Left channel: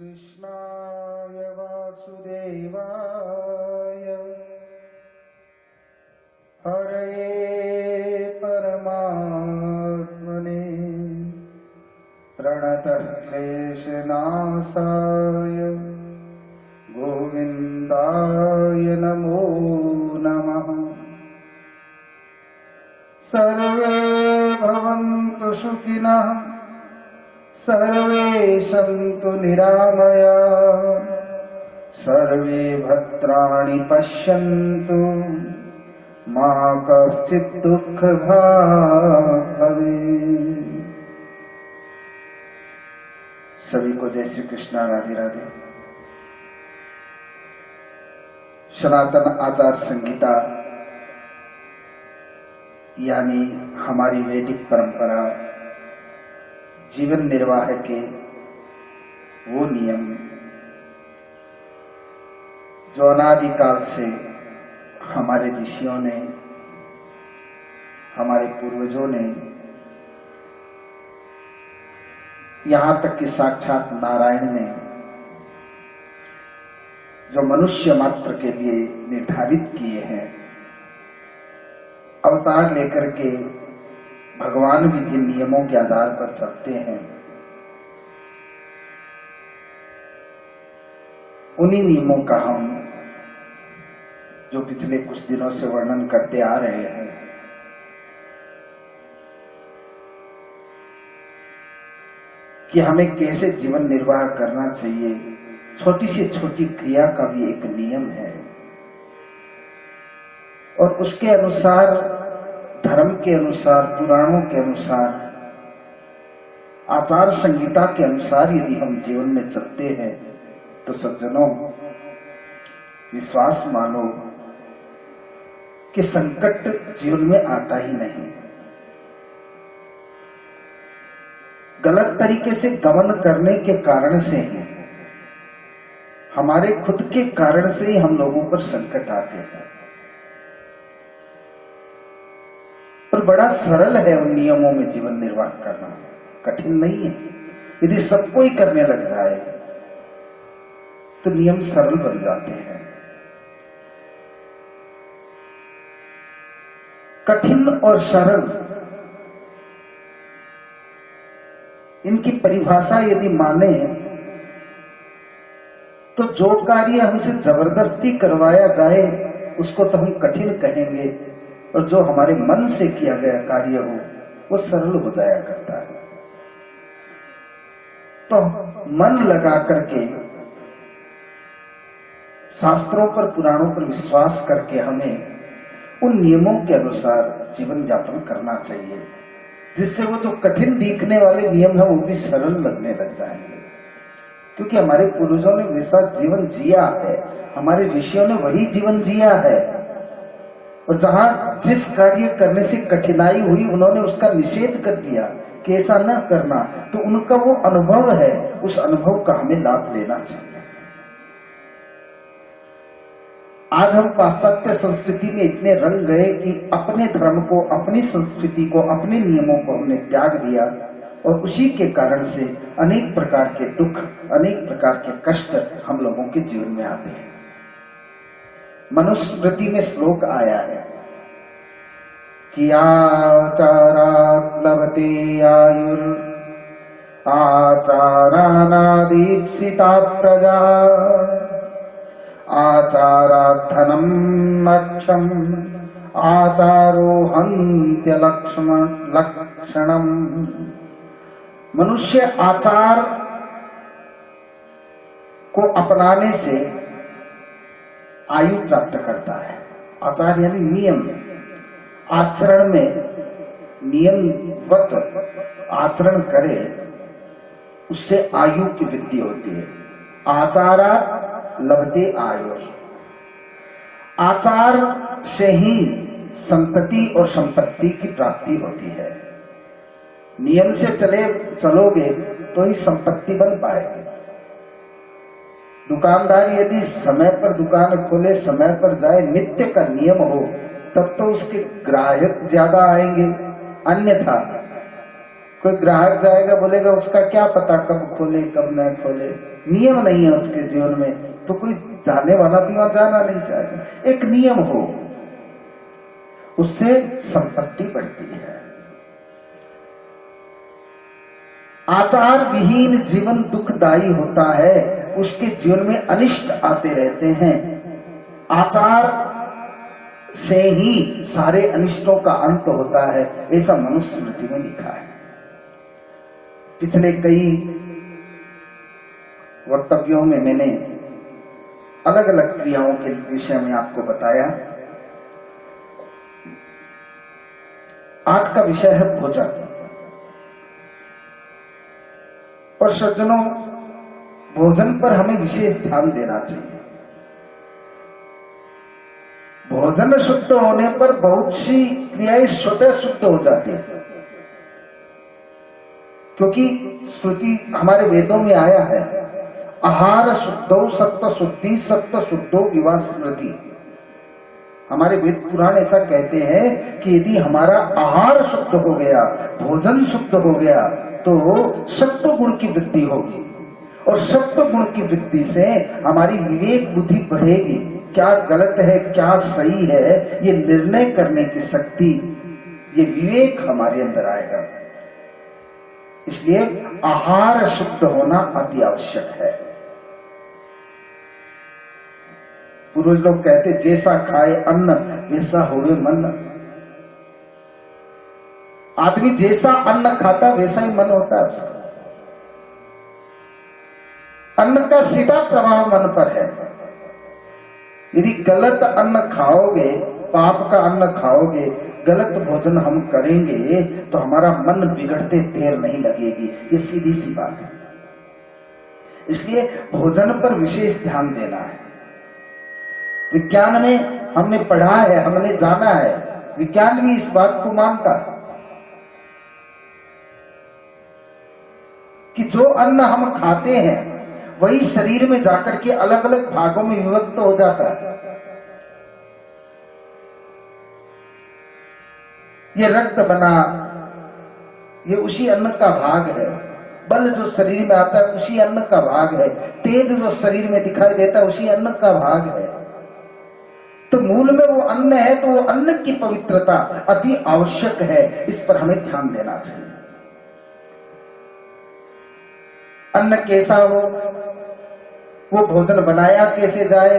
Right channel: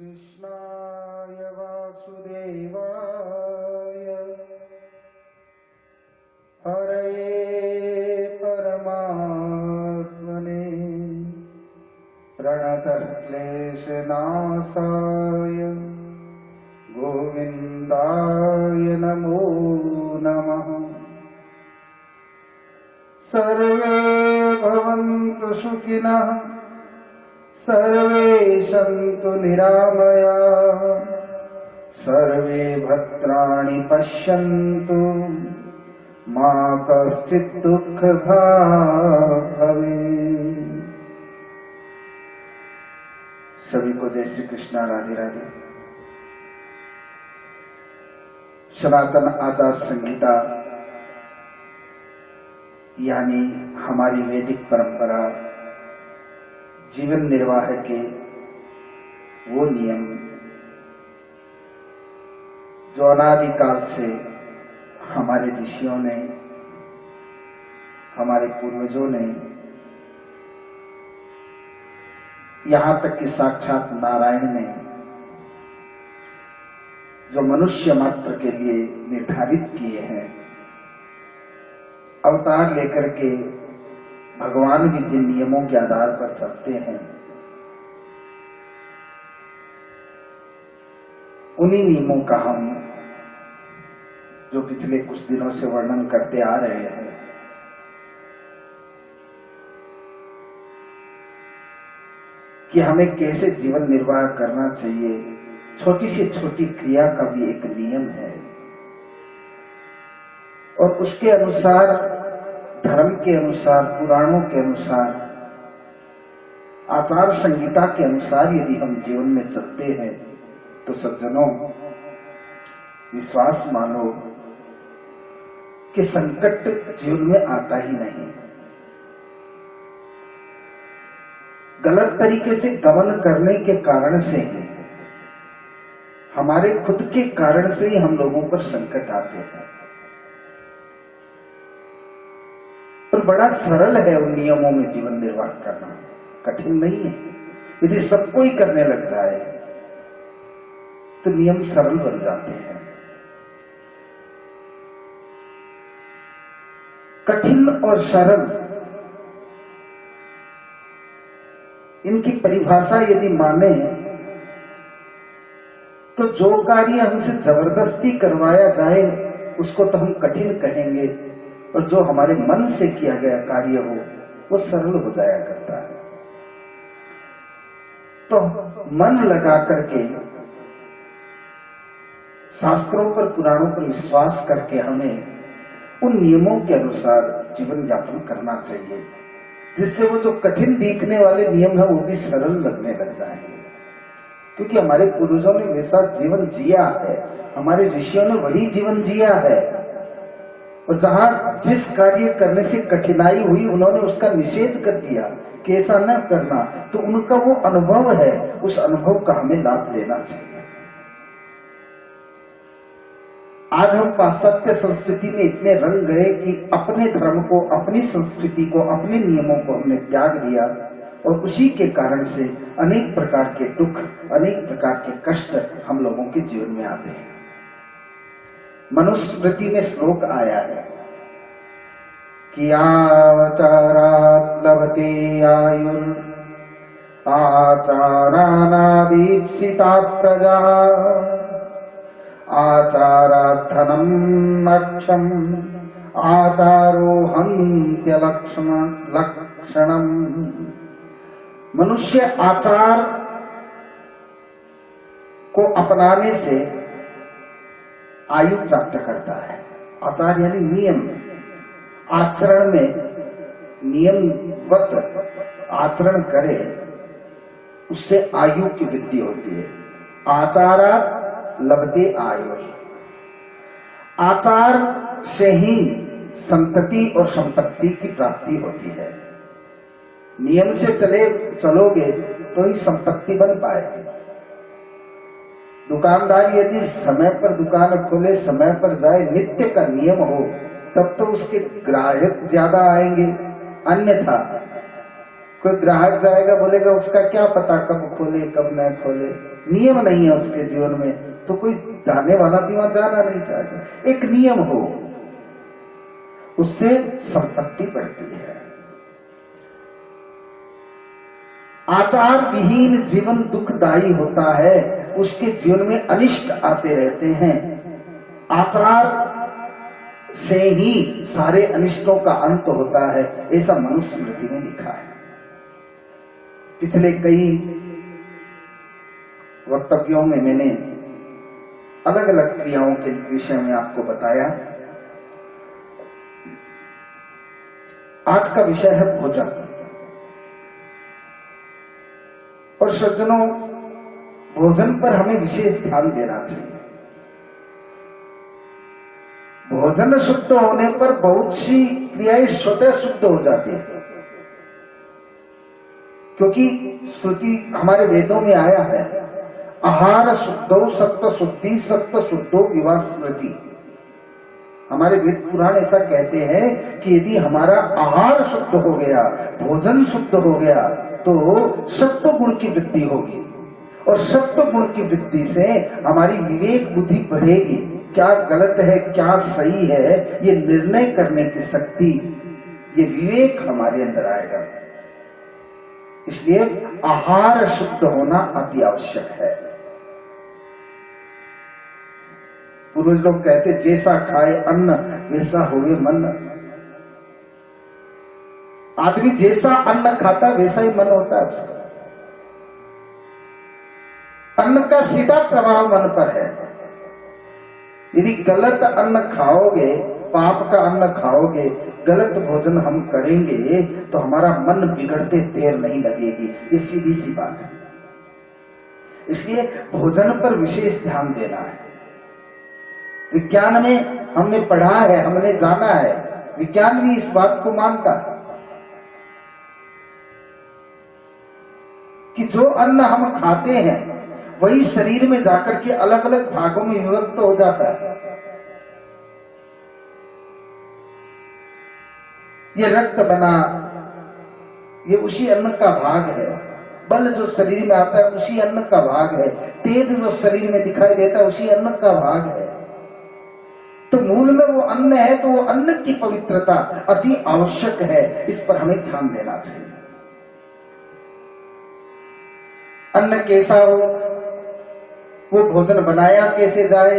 कृष्णाय वासुदेवाय हरे परमात्मने प्रणतः क्लेशनाशाय गोविन्दाय नमो नमः। सर्वे भवन्तु सुखिनः सर्वे सन्तु निरामयाः सर्वे भद्राणि पश्यन्तु मा कश्चित् दुःखभाग् भवेत्। सभी को जय श्री कृष्ण, राधे राधे। सनातन आचार संहिता यानी हमारी वैदिक परंपरा, जीवन निर्वाह के वो नियम जो अनादिकाल से हमारे ऋषियों ने, हमारे पूर्वजों ने, यहां तक कि साक्षात नारायण ने जो मनुष्य मात्र के लिए निर्धारित किए हैं, अवतार लेकर के भगवान भी जिन नियमों के आधार पर चलते हैं, उन्हीं नियमों का हम जो पिछले कुछ दिनों से वर्णन करते आ रहे हैं, कि हमें कैसे जीवन निर्वाह करना चाहिए। छोटी से छोटी क्रिया का भी एक नियम है और उसके अनुसार, धर्म के अनुसार, पुराणों के अनुसार, आचार संहिता के अनुसार यदि हम जीवन में चलते हैं तो सज्जनों, विश्वास मानो कि संकट जीवन में आता ही नहीं। गलत तरीके से गमन करने के कारण से ही, हमारे खुद के कारण से ही हम लोगों पर संकट आते हैं। और बड़ा सरल है उन नियमों में जीवन निर्वाह करना, कठिन नहीं है। यदि सबको ही करने लग जाए तो नियम सरल बन जाते हैं। कठिन और सरल, इनकी परिभाषा यदि माने तो जो कार्य हमसे जबरदस्ती करवाया जाए उसको तो हम कठिन कहेंगे, और जो हमारे मन से किया गया कार्य हो वो सरल हो जाया करता है। तो मन लगा करके, शास्त्रों पर, पुराणों पर विश्वास करके हमें उन नियमों के अनुसार जीवन यापन करना चाहिए, जिससे वो जो कठिन दिखने वाले नियम है वो भी सरल लगने लग जाएंगे। क्योंकि हमारे पूर्वजों ने वैसा जीवन जिया है, हमारे ऋषियों ने वही जीवन जिया है, और जहां जिस कार्य करने से कठिनाई हुई उन्होंने उसका निषेध कर दिया कि ऐसा न करना। तो उनका वो अनुभव है, उस अनुभव का हमें लाभ लेना चाहिए। आज हम पाश्चात्य संस्कृति में इतने रंग गए कि अपने धर्म को, अपनी संस्कृति को, अपने नियमों को हमने त्याग दिया, और उसी के कारण से अनेक प्रकार के दुख, अनेक प्रकार के कष्ट हम लोगों के जीवन में आते हैं। मनुस्मृति में श्लोक आया है कि आचारात् लभते आयुर् आचारानादीप्सिता प्रजा आचारात् धनं मोक्षम् आचारो हन्त्यलक्षणम्। मनुष्य आचार को अपनाने से आयु प्राप्त करता है। आचार यानी नियम, आचरण में नियमवत आचरण करे उससे आयु की वृद्धि होती है। आचारात् लभते आयु, आचार से ही संतति और संपत्ति की प्राप्ति होती है। नियम से चलोगे तो ही संपत्ति बन पाएगी। दुकानदार यदि समय पर दुकान खोले, समय पर जाए, नित्य का नियम हो, तब तो उसके ग्राहक ज्यादा आएंगे। अन्यथा कोई ग्राहक जाएगा, बोलेगा उसका क्या पता कब खोले कब न खोले, नियम नहीं है उसके जीवन में, तो कोई जाने वाला भी वहां जाना नहीं चाहेगा। एक नियम हो, उससे संपत्ति बढ़ती है। आचार विहीन जीवन दुखदायी होता है, उसके जीवन में अनिष्ट आते रहते हैं। आचार से ही सारे अनिष्टों का अंत होता है, ऐसा मनुस्मृति में लिखा है। पिछले कई वक्तव्यों में मैंने अलग अलग क्रियाओं के विषय में आपको बताया। आज का विषय है भोजन। और सज्जनों, भोजन पर हमें विशेष ध्यान देना चाहिए। भोजन शुद्ध होने पर बहुत सी क्रियाएं स्वतः शुद्ध हो जाती है, क्योंकि श्रुति हमारे वेदों में आया है, आहार शुद्धो सत्व शुद्धि सत्व शुद्धो विवाह स्मृति। हमारे वेद पुराण ऐसा कहते हैं कि यदि हमारा आहार शुद्ध हो गया, भोजन शुद्ध हो गया, तो सत्व गुण की वृद्धि होगी, और सत्व गुण की वृद्धि से हमारी विवेक बुद्धि बढ़ेगी। क्या गलत है क्या सही है ये निर्णय करने की शक्ति, ये विवेक हमारे अंदर आएगा। इसलिए आहार शुद्ध होना अति आवश्यक है। पूर्वज लोग कहते, जैसा खाए अन्न वैसा होवे मन। आदमी जैसा अन्न खाता वैसा ही मन होता है उसका। अन्न का सीधा प्रभाव मन पर है। यदि गलत अन्न खाओगे, पाप का अन्न खाओगे, गलत भोजन हम करेंगे, तो हमारा मन बिगड़ते देर नहीं लगेगी। ये सीधी सी बात है। इसलिए भोजन पर विशेष ध्यान देना है। विज्ञान में हमने पढ़ा है, हमने जाना है, विज्ञान भी इस बात को मानता है कि जो अन्न हम खाते हैं वही शरीर में जाकर के अलग अलग भागों में विभक्त हो जाता है। ये रक्त बना, ये उसी अन्न का भाग है। बल जो शरीर में आता है उसी अन्न का भाग है। तेज जो शरीर में दिखाई देता है उसी अन्न का भाग है। तो मूल में वो अन्न है, तो वो अन्न की पवित्रता अति आवश्यक है। इस पर हमें ध्यान देना चाहिए। अन्न कैसा हो, वो भोजन बनाया कैसे जाए,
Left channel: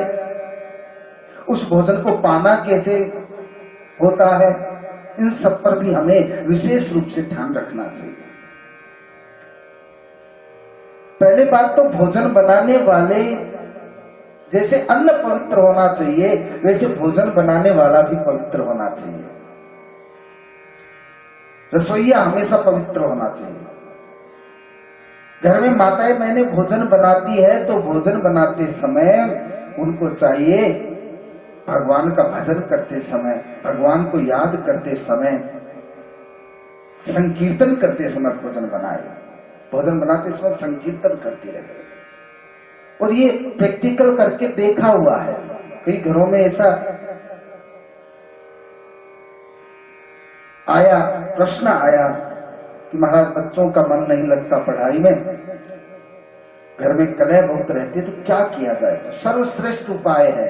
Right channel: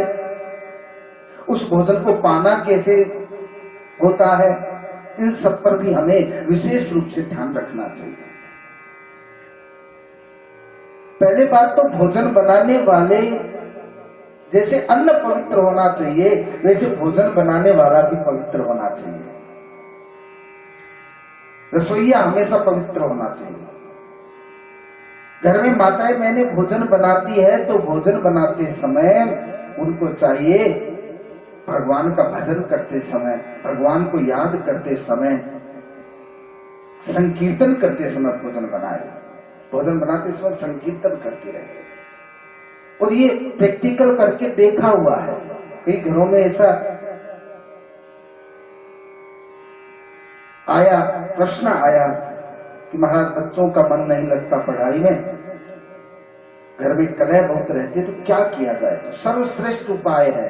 उस भोजन को पाना कैसे होता है, इन सब पर भी हमें विशेष रूप से ध्यान रखना चाहिए। पहले बात तो भोजन बनाने वाले, जैसे अन्न पवित्र होना चाहिए वैसे भोजन बनाने वाला भी पवित्र होना चाहिए। रसोइया हमेशा पवित्र होना चाहिए। घर में माताएं मैंने भोजन बनाती है, तो भोजन बनाते समय उनको चाहिए भगवान का भजन करते समय, भगवान को याद करते समय, संकीर्तन करते समय भोजन बनाए। भोजन बनाते समय संकीर्तन करती रहे। और ये प्रैक्टिकल करके देखा हुआ है। कई घरों में ऐसा आया, प्रश्न आया कि महाराज बच्चों का मन नहीं लगता पढ़ाई में, घर में कलह बहुत रहती है, तो क्या किया जाए। तो सर्वश्रेष्ठ उपाय है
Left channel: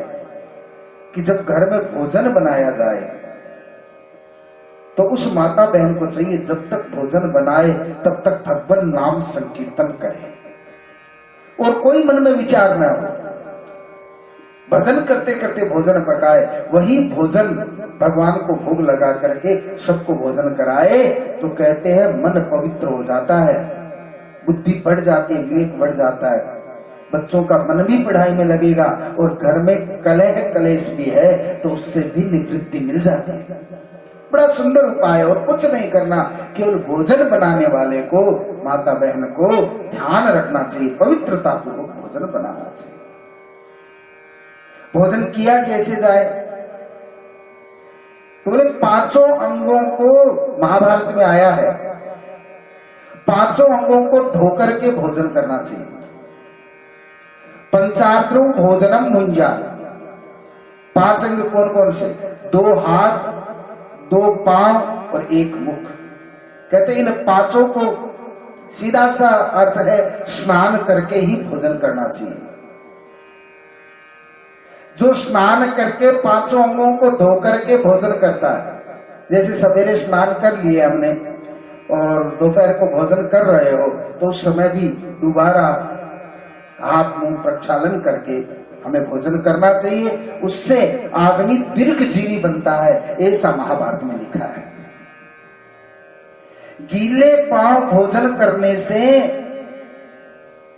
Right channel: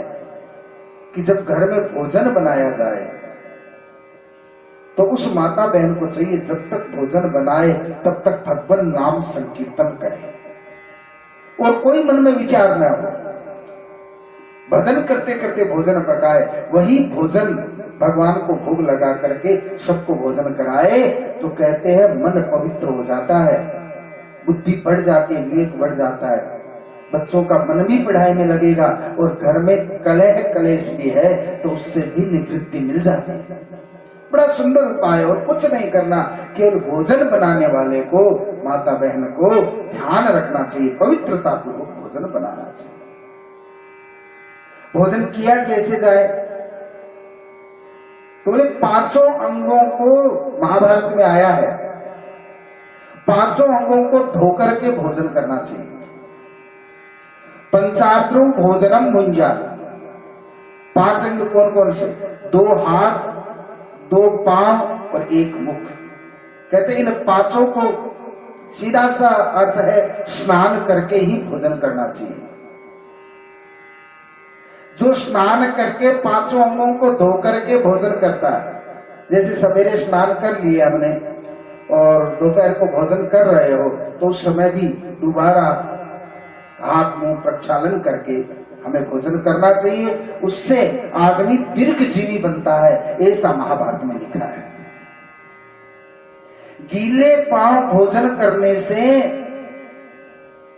कि जब घर में भोजन बनाया जाए तो उस माता बहन को चाहिए जब तक भोजन बनाए तब तक भगवान नाम संकीर्तन करे और कोई मन में विचार न हो। भजन करते करते भोजन पकाए, वही भोजन भगवान को भोग लगा करके सबको भोजन कराए, तो कहते हैं मन पवित्र हो जाता है, बुद्धि बढ़ जाती है, विवेक बढ़ जाता है, बच्चों का मन भी पढ़ाई में लगेगा, और घर में कलह कलेश भी है तो उससे भी निवृत्ति मिल जाती है। बड़ा सुंदर उपाय। और कुछ नहीं करना, केवल भोजन बनाने वाले को, माता बहन को ध्यान रखना चाहिए, पवित्रता पूर्वक भोजन बनाना चाहिए। भोजन किया कैसे जाए, तो बोले पांचों अंगों को महाभारत में आया है, पांचों अंगों को धोकर के भोजन करना चाहिए। पंचार्त्रो भोजनम मुंजा। पांच अंग कौन कौन से? दो हाथ, दो पांव और एक मुख। कहते इन पांचों को सीधा सा अर्थ है स्नान करके ही भोजन करना चाहिए। जो स्नान करके पांचों अंगों को धो करके भोजन करता है, जैसे सवेरे स्नान कर लिए हमने और दोपहर को भोजन कर रहे हो, तो उस समय भी दोबारा हाथ मुंह प्रक्षालन करके हमें भोजन करना चाहिए। उससे आदमी दीर्घजीवी बनता है, ऐसा महाभारत में लिखा है। गीले पांव भोजन करने से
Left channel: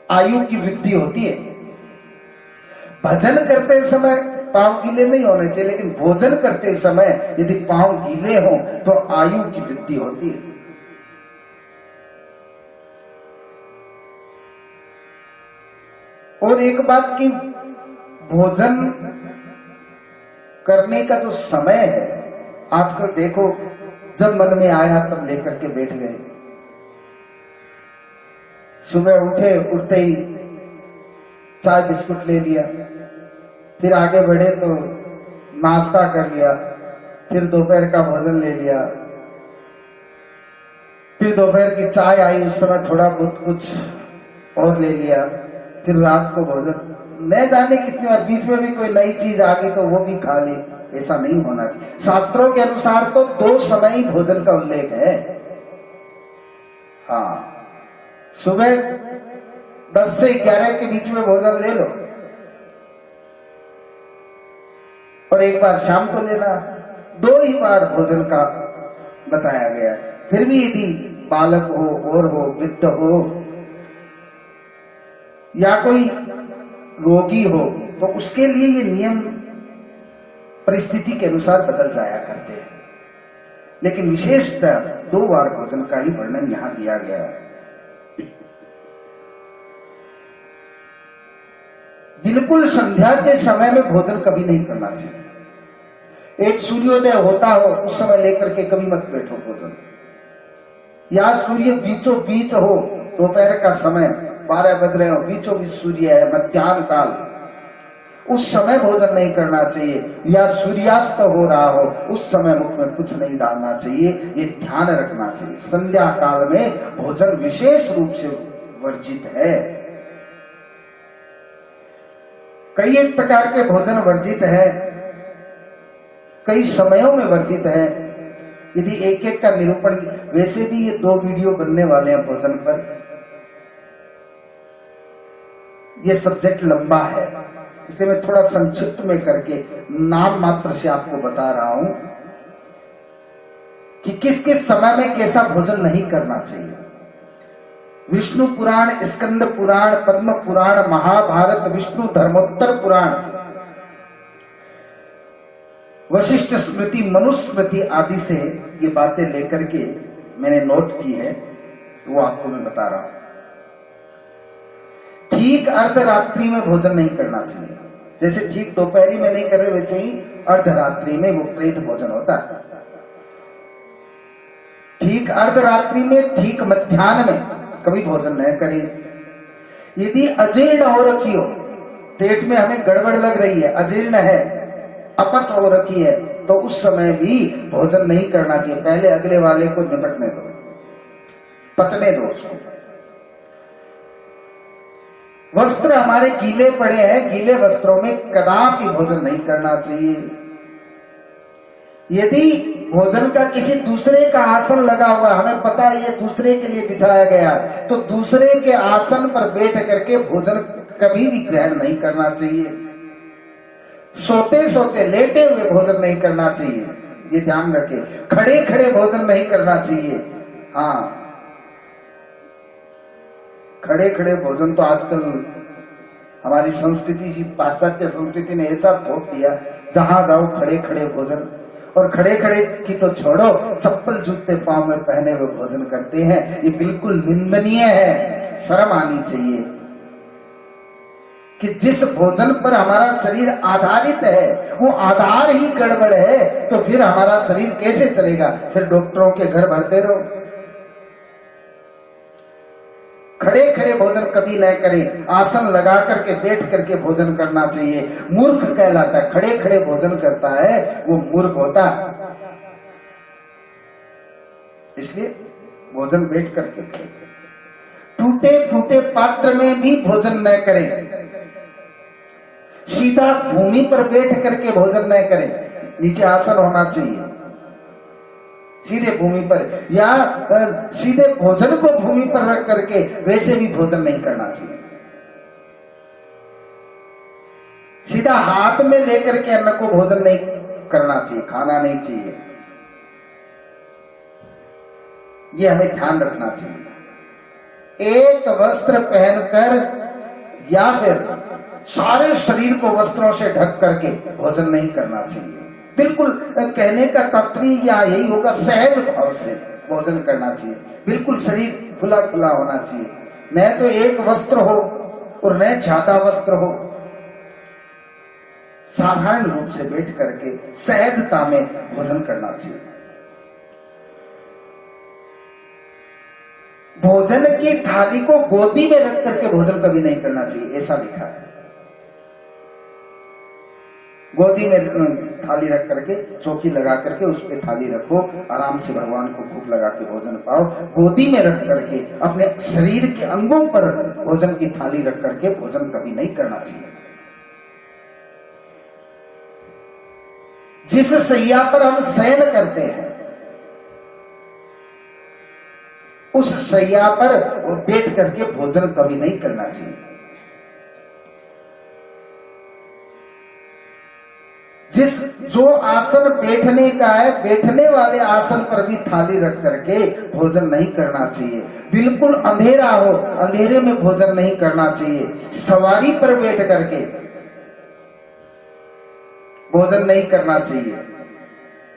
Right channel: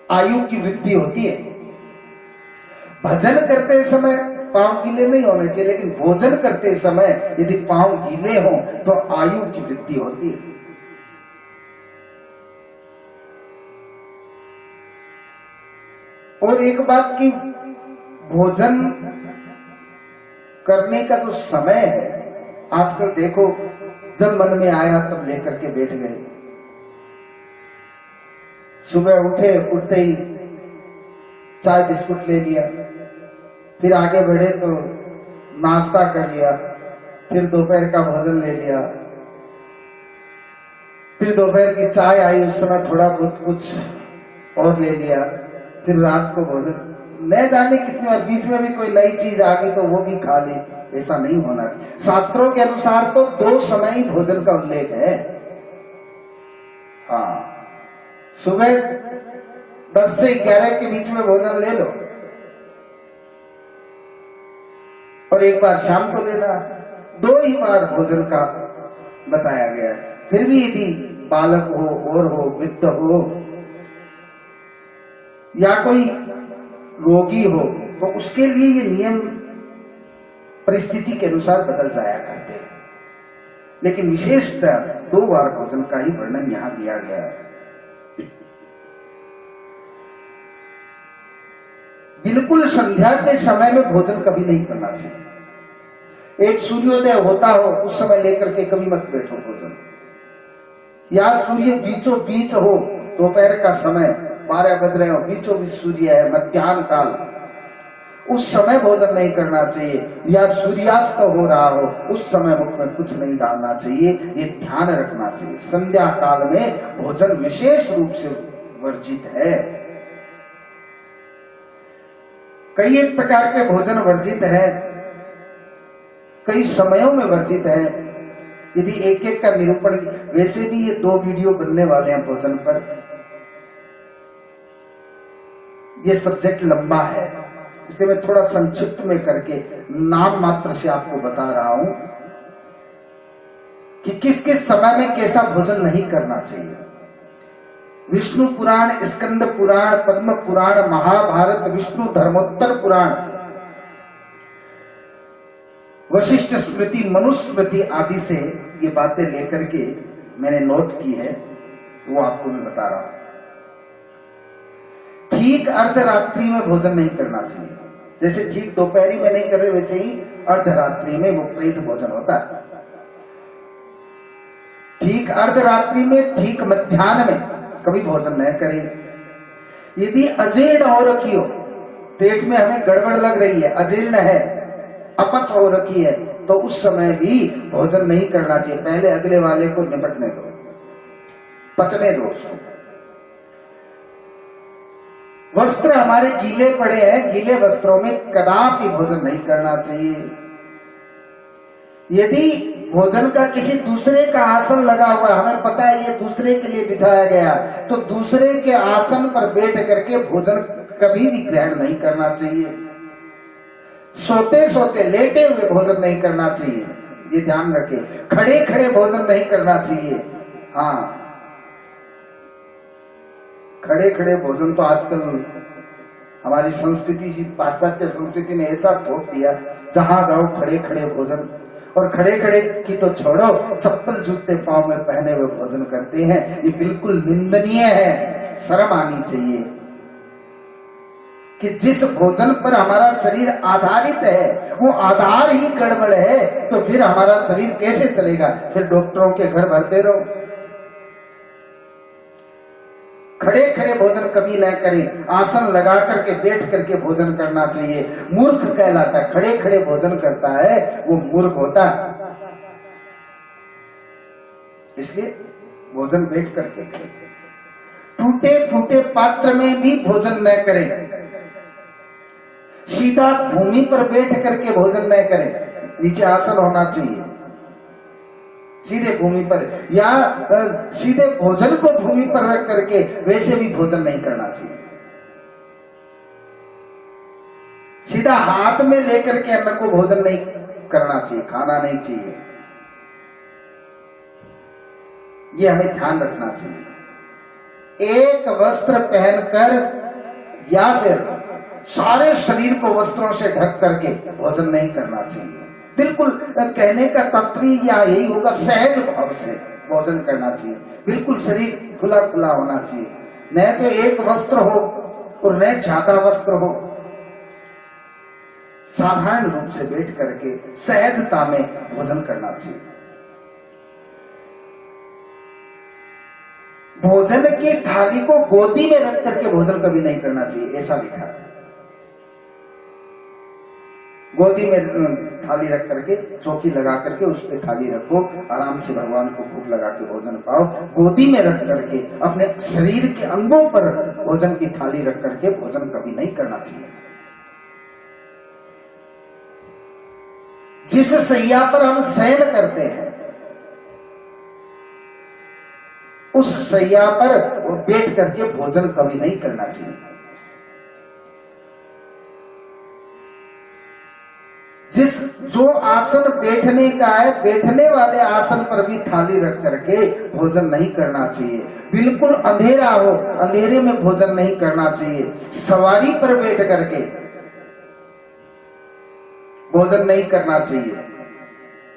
आयु की वृद्धि होती है। भजन करते समय पांव गीले नहीं होने चाहिए, लेकिन भोजन करते समय यदि पांव गीले हो तो आयु की वृद्धि होती है। और एक बात की, भोजन करने का जो समय है, आजकल देखो जब मन में आया तब लेकर के बैठ गए। सुबह उठते ही चाय बिस्कुट ले लिया, फिर आगे बढ़े तो नाश्ता कर लिया, फिर दोपहर का भोजन ले लिया, फिर दोपहर की चाय आई उस समय थोड़ा बहुत कुछ और ले लिया, फिर रात को भोजन, न जाने कितनी बार बीच में भी कोई नई चीज आ गई तो वो भी खा ली। ऐसा नहीं होना चाहिए। शास्त्रों के अनुसार तो 2 समय ही भोजन का उल्लेख है। हाँ, सुबह 10 से 11 के बीच में भोजन ले लो और एक बार शाम को लेना, 2 ही बार भोजन का बताया गया। फिर भी यदि बालक हो और हो, वृद्ध हो या कोई रोगी हो, तो उसके लिए ये नियम परिस्थिति के अनुसार बदल जाया करते हैं, लेकिन विशेषतः 2 बार भोजन का ही वर्णन यहां दिया गया है। बिल्कुल संध्या के समय में भोजन कभी नहीं करना चाहिए। एक सूर्योदय होता हो उस समय लेकर के कभी मत बैठो भोजन, या सूर्य बीचों बीच हो, दोपहर का समय 12 बज रहे हो, बीचों बीच सूर्य है, मध्याह्न काल, उस समय भोजन नहीं करना चाहिए। या सूर्यास्त हो रहा हो उस समय मुख में कुछ नहीं डालना चाहिए, ये ध्यान रखना चाहिए। संध्या काल में भोजन विशेष रूप से वर्जित है। कई एक प्रकार के भोजन वर्जित है, कई समयों में वर्जित है। यदि एक एक का निरूपण, वैसे भी ये 2 वीडियो बनने वाले हैं भोजन पर, ये सब्जेक्ट लंबा है, इसलिए मैं थोड़ा संक्षिप्त में करके नाम मात्र से आपको बता रहा हूं कि किस किस समय में कैसा भोजन नहीं करना चाहिए। विष्णु पुराण, स्कंद पुराण, पद्म पुराण, महाभारत, विष्णु धर्मोत्तर पुराण, वशिष्ठ स्मृति, मनुस्मृति आदि से ये बातें लेकर के मैंने नोट की है, वो आपको मैं बता रहा हूं। ठीक अर्धरात्रि में भोजन नहीं करना चाहिए। जैसे ठीक दोपहरी में नहीं करे, वैसे ही अर्धरात्रि में वो प्रेत भोजन होता है। ठीक अर्धरात्रि में, ठीक मध्याह्न में कभी भोजन न करें। यदि अजीर्ण हो रखी हो, पेट में हमें गड़बड़ लग रही है, अजीर्ण है, अपच हो रखी है, तो उस समय भी भोजन नहीं करना चाहिए। पहले अगले वाले को निपटने दो, पचने दो उसको। वस्त्र हमारे गीले पड़े हैं, गीले वस्त्रों में कदापि भोजन नहीं करना चाहिए। यदि भोजन का किसी दूसरे का आसन लगा हुआ, हमें पता है ये दूसरे के लिए बिछाया गया, तो दूसरे के आसन पर बैठ करके भोजन कभी भी ग्रहण नहीं करना चाहिए। सोते सोते, लेटे हुए भोजन नहीं करना चाहिए, ये ध्यान रखें। खड़े खड़े भोजन नहीं करना चाहिए। हाँ, खड़े खड़े भोजन तो आजकल हमारी संस्कृति, पाश्चात्य संस्कृति ने ऐसा ठोक दिया, जहां जाओ खड़े खड़े भोजन। और खड़े खड़े की तो छोड़ो, चप्पल जूते पांव में पहने हुए भोजन करते हैं। ये बिल्कुल निंदनीय है, शर्म आनी चाहिए कि जिस भोजन पर हमारा शरीर आधारित है वो आधार ही गड़बड़ है, तो फिर हमारा शरीर कैसे चलेगा? फिर डॉक्टरों के घर भरते रहो। खड़े खड़े भोजन कभी न करें, आसन लगा करके बैठ करके भोजन करना चाहिए। मूर्ख कहलाता है, खड़े खड़े भोजन करता है वो मूर्ख होता है। इसलिए भोजन बैठ करके करें। टूटे फूटे पात्र में भी भोजन न करें, सीधा भूमि पर बैठ करके भोजन न करें, नीचे आसन होना चाहिए, सीधे भूमि पर, या सीधे भोजन को भूमि पर रख करके वैसे भी भोजन नहीं करना चाहिए। सीधा हाथ में लेकर के अन्न को भोजन नहीं करना चाहिए, खाना नहीं चाहिए। ये हमें ध्यान रखना चाहिए। एक वस्त्र पहनकर या फिर सारे शरीर को वस्त्रों से ढक करके भोजन नहीं करना चाहिए। बिल्कुल कहने का तात्पर्य यही होगा, सहज भाव से भोजन करना चाहिए। बिल्कुल शरीर खुला खुला होना चाहिए, न तो एक वस्त्र हो और न ज्यादा वस्त्र हो। साधारण रूप से बैठ करके सहजता में भोजन करना चाहिए। भोजन की थाली को गोदी में रख करके भोजन कभी नहीं करना चाहिए, ऐसा लिखा है। गोदी में थाली रख करके, चौकी लगा करके उस पे थाली रखो, आराम से भगवान को भूख लगा के भोजन पाओ। गोदी में रख करके अपने शरीर के अंगों पर भोजन की थाली रख करके भोजन कभी नहीं करना चाहिए। जिस सैया पर हम शयन करते हैं उस सैया पर बैठ करके भोजन कभी नहीं करना चाहिए। जो आसन बैठने का है, बैठने वाले आसन पर भी थाली रख करके भोजन नहीं करना चाहिए। बिल्कुल अंधेरा हो, अंधेरे में भोजन नहीं करना चाहिए। सवारी पर बैठ करके भोजन नहीं करना चाहिए।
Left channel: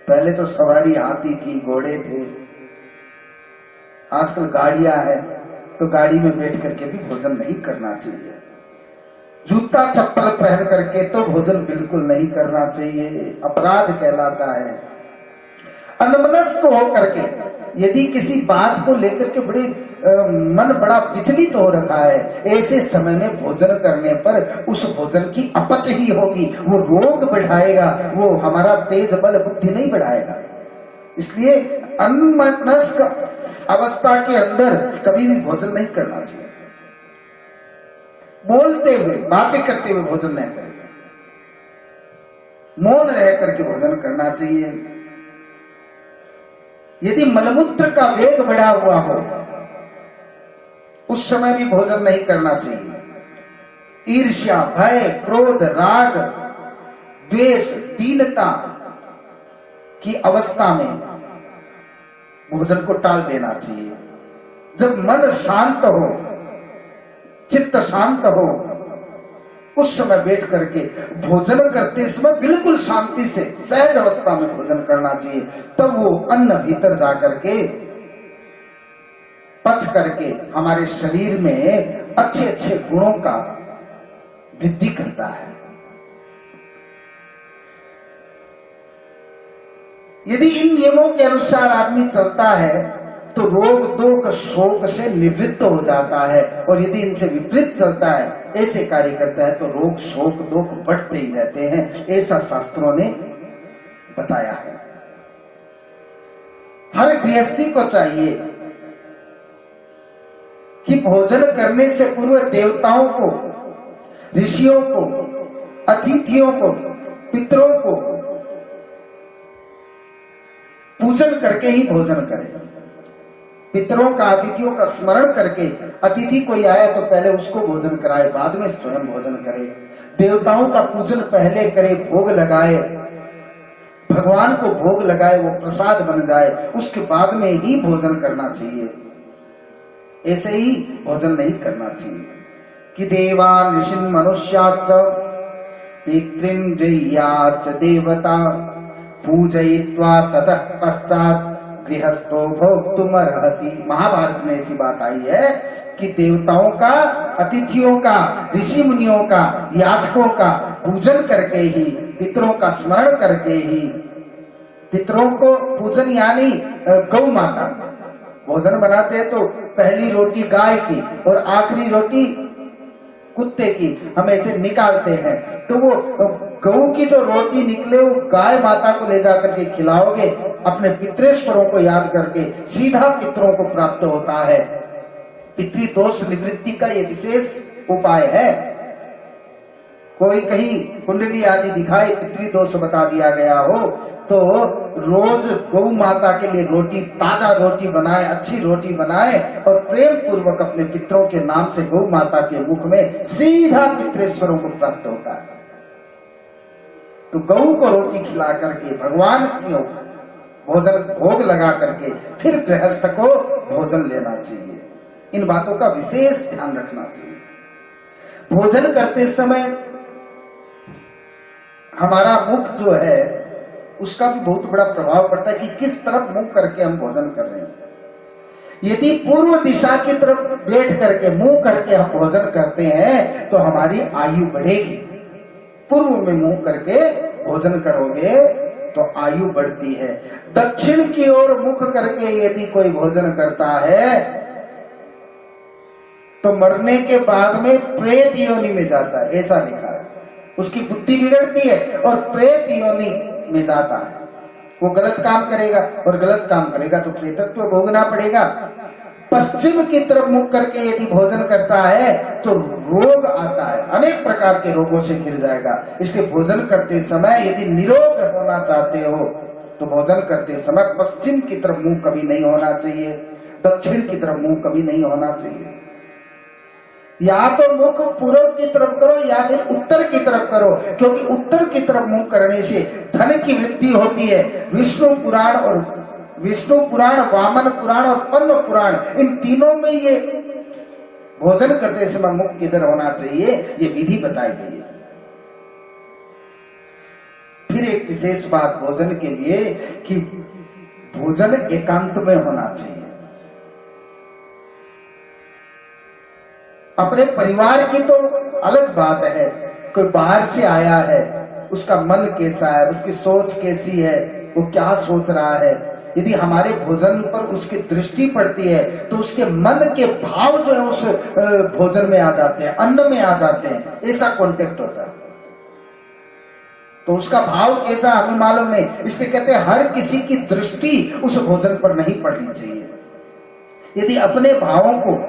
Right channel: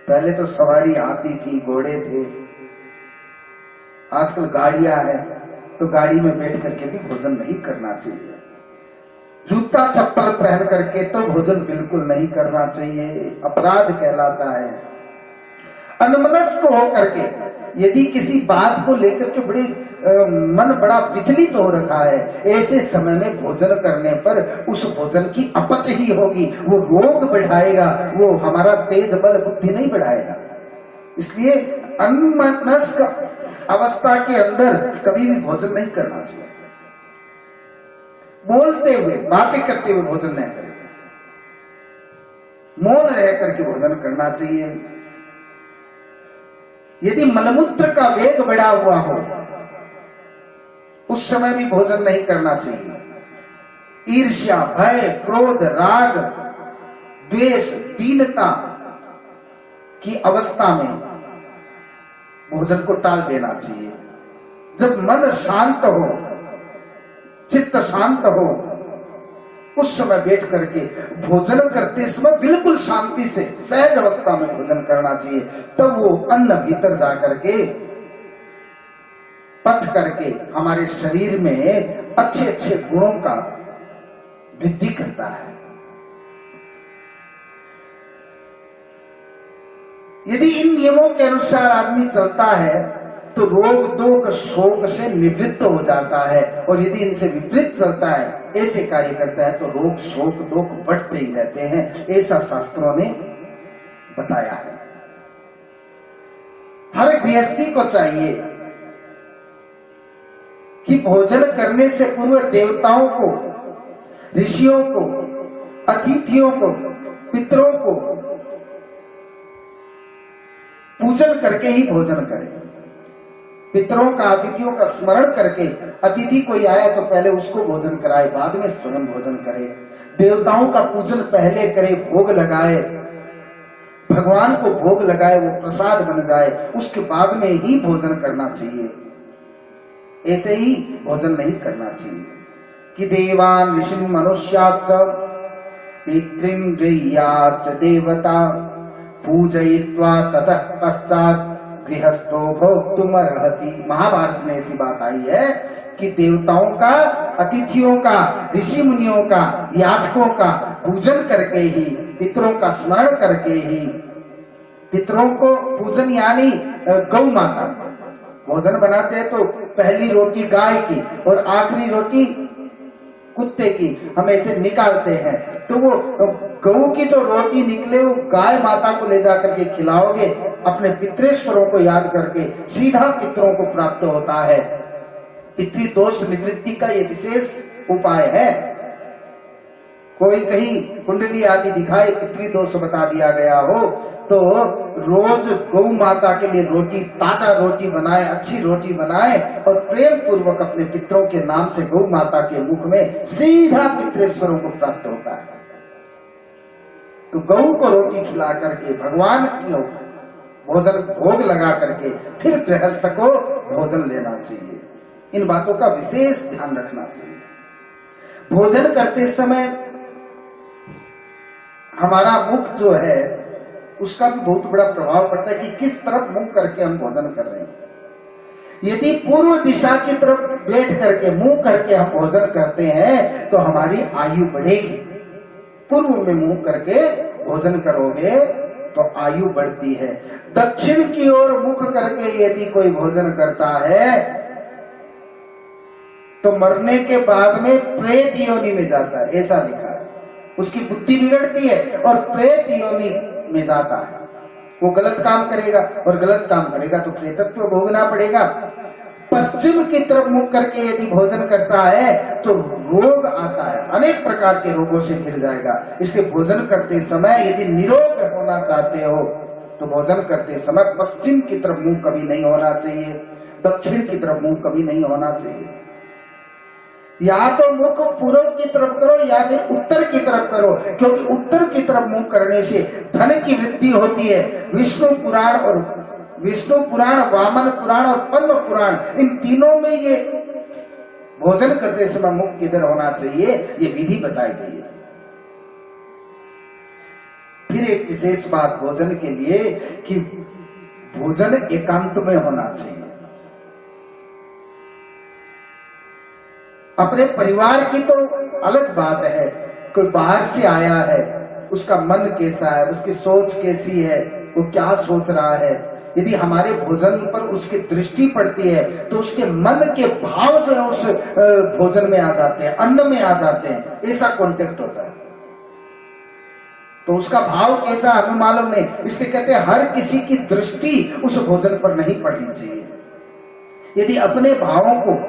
पहले तो सवारी हाथी थी, घोड़े थे, आजकल गाड़ियां हैं, तो गाड़ी में बैठ करके भी भोजन नहीं करना चाहिए। जूता चप्पल पहन करके तो भोजन बिल्कुल नहीं करना चाहिए, अपराध कहलाता है। अनमनस्क हो करके यदि किसी बात को लेकर के मन बड़ा विचलित हो रखा है, ऐसे समय में भोजन करने पर उस भोजन की अपच ही होगी, वो रोग बढ़ाएगा, वो हमारा तेज बल बुद्धि नहीं बढ़ाएगा। इसलिए अनमनस्क अवस्था के अंदर कभी भी भोजन नहीं करना चाहिए। बोलते हुए, बातें करते हुए भोजन नहीं करें, मौन रह करके भोजन करना चाहिए। यदि मलमूत्र का वेग बढ़ा हुआ हो उस समय भी भोजन नहीं करना चाहिए। ईर्ष्या, भय, क्रोध, राग, द्वेष, दीनता की अवस्था में भोजन को टाल देना चाहिए। जब मन शांत हो, चित्त शांत हो, उस समय बैठ करके भोजन करते समय बिल्कुल शांति से सहज अवस्था में भोजन करना चाहिए। तब वो अन्न भीतर जा करके पच करके हमारे शरीर में अच्छे अच्छे गुणों का वृद्धि करता है। यदि इन नियमों के अनुसार आदमी चलता है तो रोग दोष शोक से निवृत्त हो जाता है, और यदि इनसे विपरीत चलता है, ऐसे कार्य करता है, तो रोग शोक दोष बढ़ते ही रहते हैं। ऐसा शास्त्रों ने बताया है। हर गृहस्थी को चाहिए कि भोजन करने से पूर्व देवताओं को, ऋषियों को, अतिथियों को, पितरों को पूजन करके ही भोजन करें। पितरों का, अतिथियों का स्मरण करके, अतिथि कोई आया तो पहले उसको भोजन कराए, बाद में स्वयं भोजन करे। देवताओं का पूजन पहले करे, भोग लगाए, भगवान को भोग लगाए, वो प्रसाद बन जाए, उसके बाद में ही भोजन करना चाहिए। ऐसे ही भोजन नहीं करना चाहिए कि देवान ऋषिन् मनुष्याश्च पितृन्द्रियाश्च देवता पूजयित्वा ततः पश्चात् गृहस्थो भोक्तुमर्हति। महाभारत में ऐसी बात आई है कि देवताओं का, अतिथियों का, ऋषि मुनियों का, याचकों का पूजन करके ही, पितरों का स्मरण करके ही, पितरों को पूजन यानी गौ माता, भोजन बनाते हैं तो पहली रोटी गाय की और आखिरी रोटी कुत्ते की हम ऐसे निकालते हैं, तो वो गऊ की जो रोटी निकले वो गाय माता को ले जाकर के खिलाओगे, अपने पितृेश्वरों को याद करके सीधा पितरों को प्राप्त होता है। पितृदोष निवृत्ति का ये विशेष उपाय है। कोई कहीं कुंडली आदि दिखाए पितृदोष बता दिया गया हो तो रोज गौ माता के लिए रोटी, ताजा रोटी बनाए, अच्छी रोटी बनाए और प्रेम पूर्वक अपने पितरों के नाम से गौ माता के मुख में सीधा पितृेश्वरों को प्राप्त होता है। तो गौ को रोटी खिला करके भगवान को भोजन भोग लगा करके फिर गृहस्थ को भोजन लेना चाहिए। इन बातों का विशेष ध्यान रखना चाहिए। भोजन करते समय हमारा मुख जो है उसका भी बहुत बड़ा प्रभाव पड़ता है कि किस तरफ मुंह करके हम भोजन कर रहे हैं। यदि पूर्व दिशा की तरफ बैठ करके मुंह करके हम भोजन करते हैं तो हमारी आयु बढ़ेगी। पूर्व में मुंह करके भोजन करोगे तो आयु बढ़ती है। दक्षिण की ओर मुख करके यदि कोई भोजन करता है तो मरने के बाद में प्रेत योनि में जाता है, ऐसा लिखा है। उसकी बुद्धि बिगड़ती है और प्रेत योनि में जाता है। वो गलत काम करेगा और गलत काम करेगा तो प्रेतत्व भोगना पड़ेगा। पश्चिम की तरफ मुख करके यदि भोजन करता है तो रोग आता है, अनेक प्रकार के रोगों से घिर जाएगा। इसलिए भोजन करते समय यदि निरोग होना चाहते हो तो भोजन करते समय पश्चिम की तरफ मुंह कभी नहीं होना चाहिए, दक्षिण की तरफ मुंह कभी नहीं होना चाहिए। या तो मुख पूर्व की तरफ करो या फिर उत्तर की तरफ करो, क्योंकि उत्तर की तरफ मुंह करने से धन की वृद्धि होती है। विष्णु पुराण, वामन पुराण और पद्म पुराण, इन तीनों में ये भोजन करते समय मुख किधर होना चाहिए ये विधि बताई गई है। फिर एक विशेष बात भोजन के लिए कि भोजन एकांत में होना चाहिए। अपने परिवार की तो अलग बात है, कोई बाहर से आया है, उसका मन कैसा है, उसकी सोच कैसी है, वो क्या सोच रहा है। यदि हमारे भोजन पर उसकी दृष्टि पड़ती है तो उसके मन के भाव जो है उस भोजन में आ जाते हैं, अन्न में आ जाते हैं, ऐसा कॉन्टेक्ट होता है। तो उसका भाव कैसा हमें मालूम नहीं, इसलिए कहते हैं हर किसी की दृष्टि उस भोजन पर नहीं पड़नी चाहिए। यदि अपने भावों को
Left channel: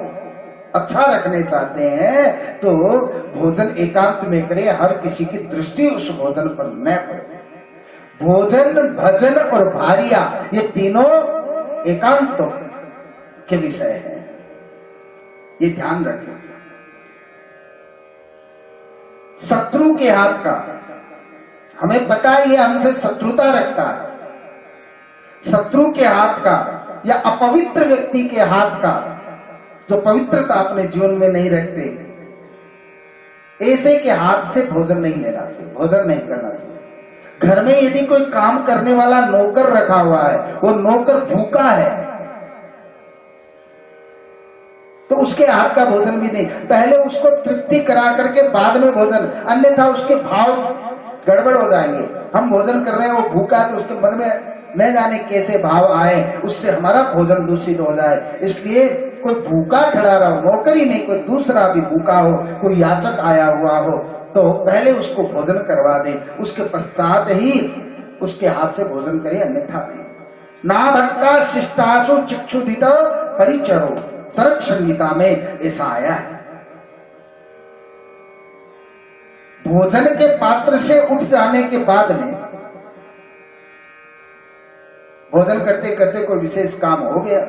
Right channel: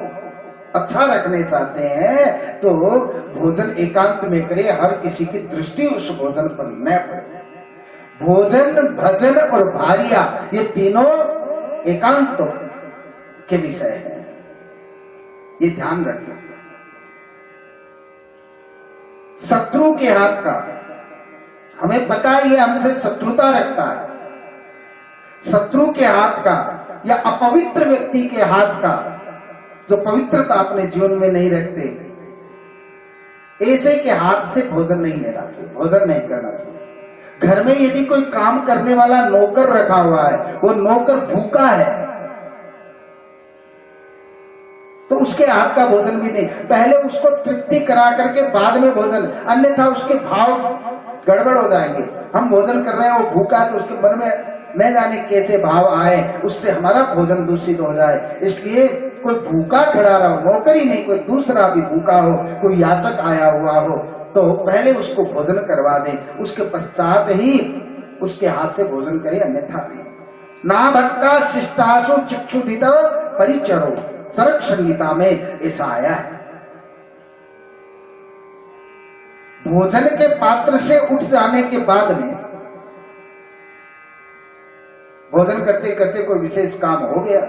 अच्छा रखने चाहते हैं तो भोजन एकांत में करें, हर किसी की दृष्टि उस भोजन पर न पड़े। भोजन, भजन और भारिया ये तीनों एकांत के विषय हैं, ये ध्यान रखें। शत्रु के हाथ का हमें पता है, ये हमसे शत्रुता रखता है। शत्रु के हाथ का या अपवित्र व्यक्ति के हाथ का जो पवित्रता अपने जीवन में नहीं रखते, ऐसे के हाथ से भोजन नहीं लेना चाहिए, भोजन नहीं करना चाहिए। घर में यदि कोई काम करने वाला नौकर रखा हुआ है, वो नौकर भूखा है तो उसके हाथ का भोजन भी नहीं, पहले उसको तृप्ति करा करके बाद में भोजन, अन्यथा उसके भाव गड़बड़ हो जाएंगे। हम भोजन कर रहे हैं, वो भूखा है तो उसके मन में न जाने कैसे भाव आए, उससे हमारा भोजन दूषित हो जाए। इसलिए कोई भूखा खड़ा रहो, नौकर ही नहीं, कोई दूसरा भी भूखा हो, कोई याचक आया हुआ हो तो पहले उसको भोजन करवा दे, उसके पश्चात ही उसके हाथ से भोजन करे, अन्यथा नहीं। ना भक्ता शिष्टासु चिक्षुदित परिचरो, चरक संहिता में ऐसा आया है। भोजन के पात्र से उठ जाने के बाद में, भोजन करते करते कोई विशेष काम हो गया,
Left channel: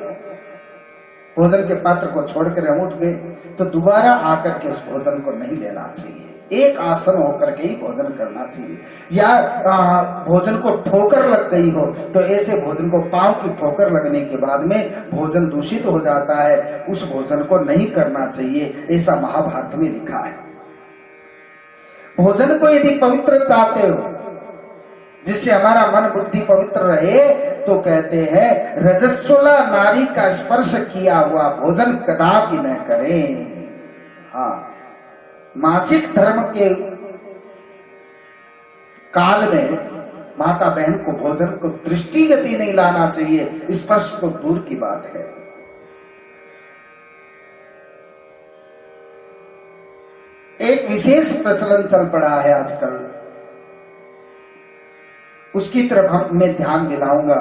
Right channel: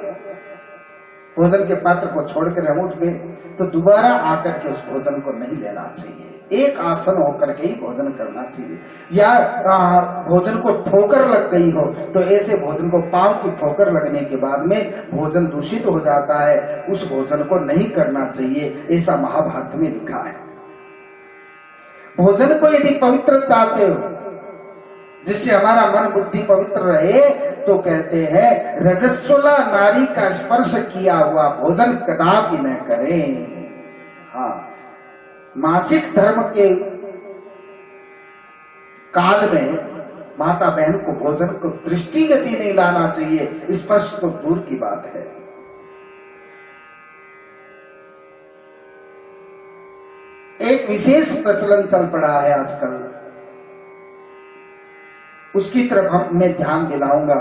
भोजन के पात्र को छोड़कर हम उठ गए तो दोबारा आकर के उस भोजन को नहीं लेना चाहिए। एक आसन होकर के ही भोजन करना चाहिए। या भोजन को ठोकर लग गई हो तो ऐसे भोजन को, पांव की ठोकर लगने के बाद में भोजन दूषित हो जाता है, उस भोजन को नहीं करना चाहिए, ऐसा महाभारत में लिखा है। भोजन को यदि पवित्र चाहते हो, जिससे हमारा मन बुद्धि पवित्र रहे, तो कहते हैं रजस्वला नारी का स्पर्श किया हुआ भोजन कदापि न करें। हाँ, मासिक धर्म के काल में माता बहन को भोजन को दृष्टिगति नहीं लाना चाहिए, स्पर्श तो दूर की बात है। एक विशेष प्रचलन चल पड़ा है आजकल, उसकी तरफ मैं ध्यान दिलाऊंगा।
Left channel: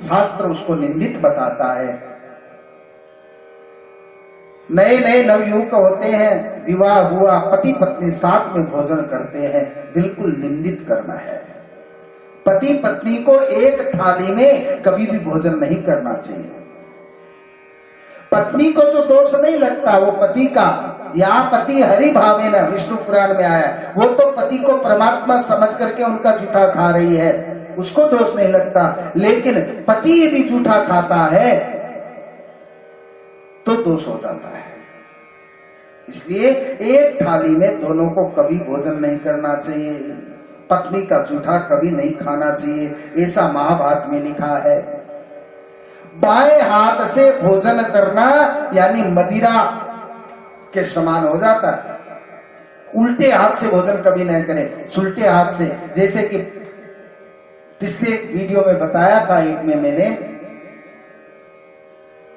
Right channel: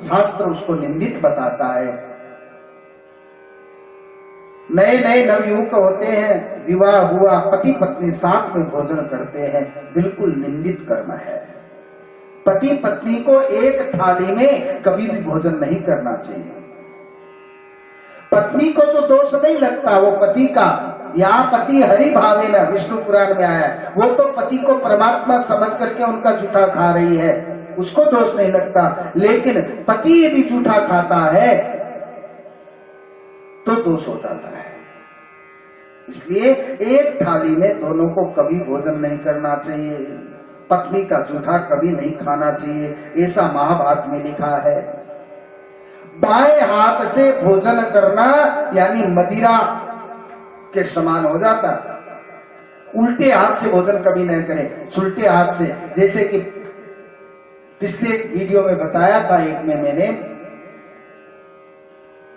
शास्त्र उसको निंदित बताता है। नए नए नवयुवक होते हैं, विवाह हुआ, पति पत्नी साथ में भोजन करते हैं, बिल्कुल निंदित करना है। पति पत्नी को एक थाली में कभी भी भोजन नहीं करना चाहिए। पत्नी को तो दोष नहीं लगता, वो पति का, या पति हरि भावे न, विष्णु पुराण में आया, वो तो पति को परमात्मा समझ करके उनका जूठा खा रही है, उसको दोष नहीं लगता। लेकिन पति यदि जूठा खाता है तो दोष हो जाता है। इसलिए एक थाली में दोनों को कभी भोजन नहीं करना चाहिए, पत्नी का जूठा कभी नहीं खाना चाहिए, ऐसा महाभारत में लिखा है। बाएं हाथ से भोजन करना यानी मदिरा के समान हो जाता है। उल्टे हाथ से भोजन कभी नहीं करें, सुलटे हाथ से। जैसे कि पिछले वीडियो में बताया था एक में मैंने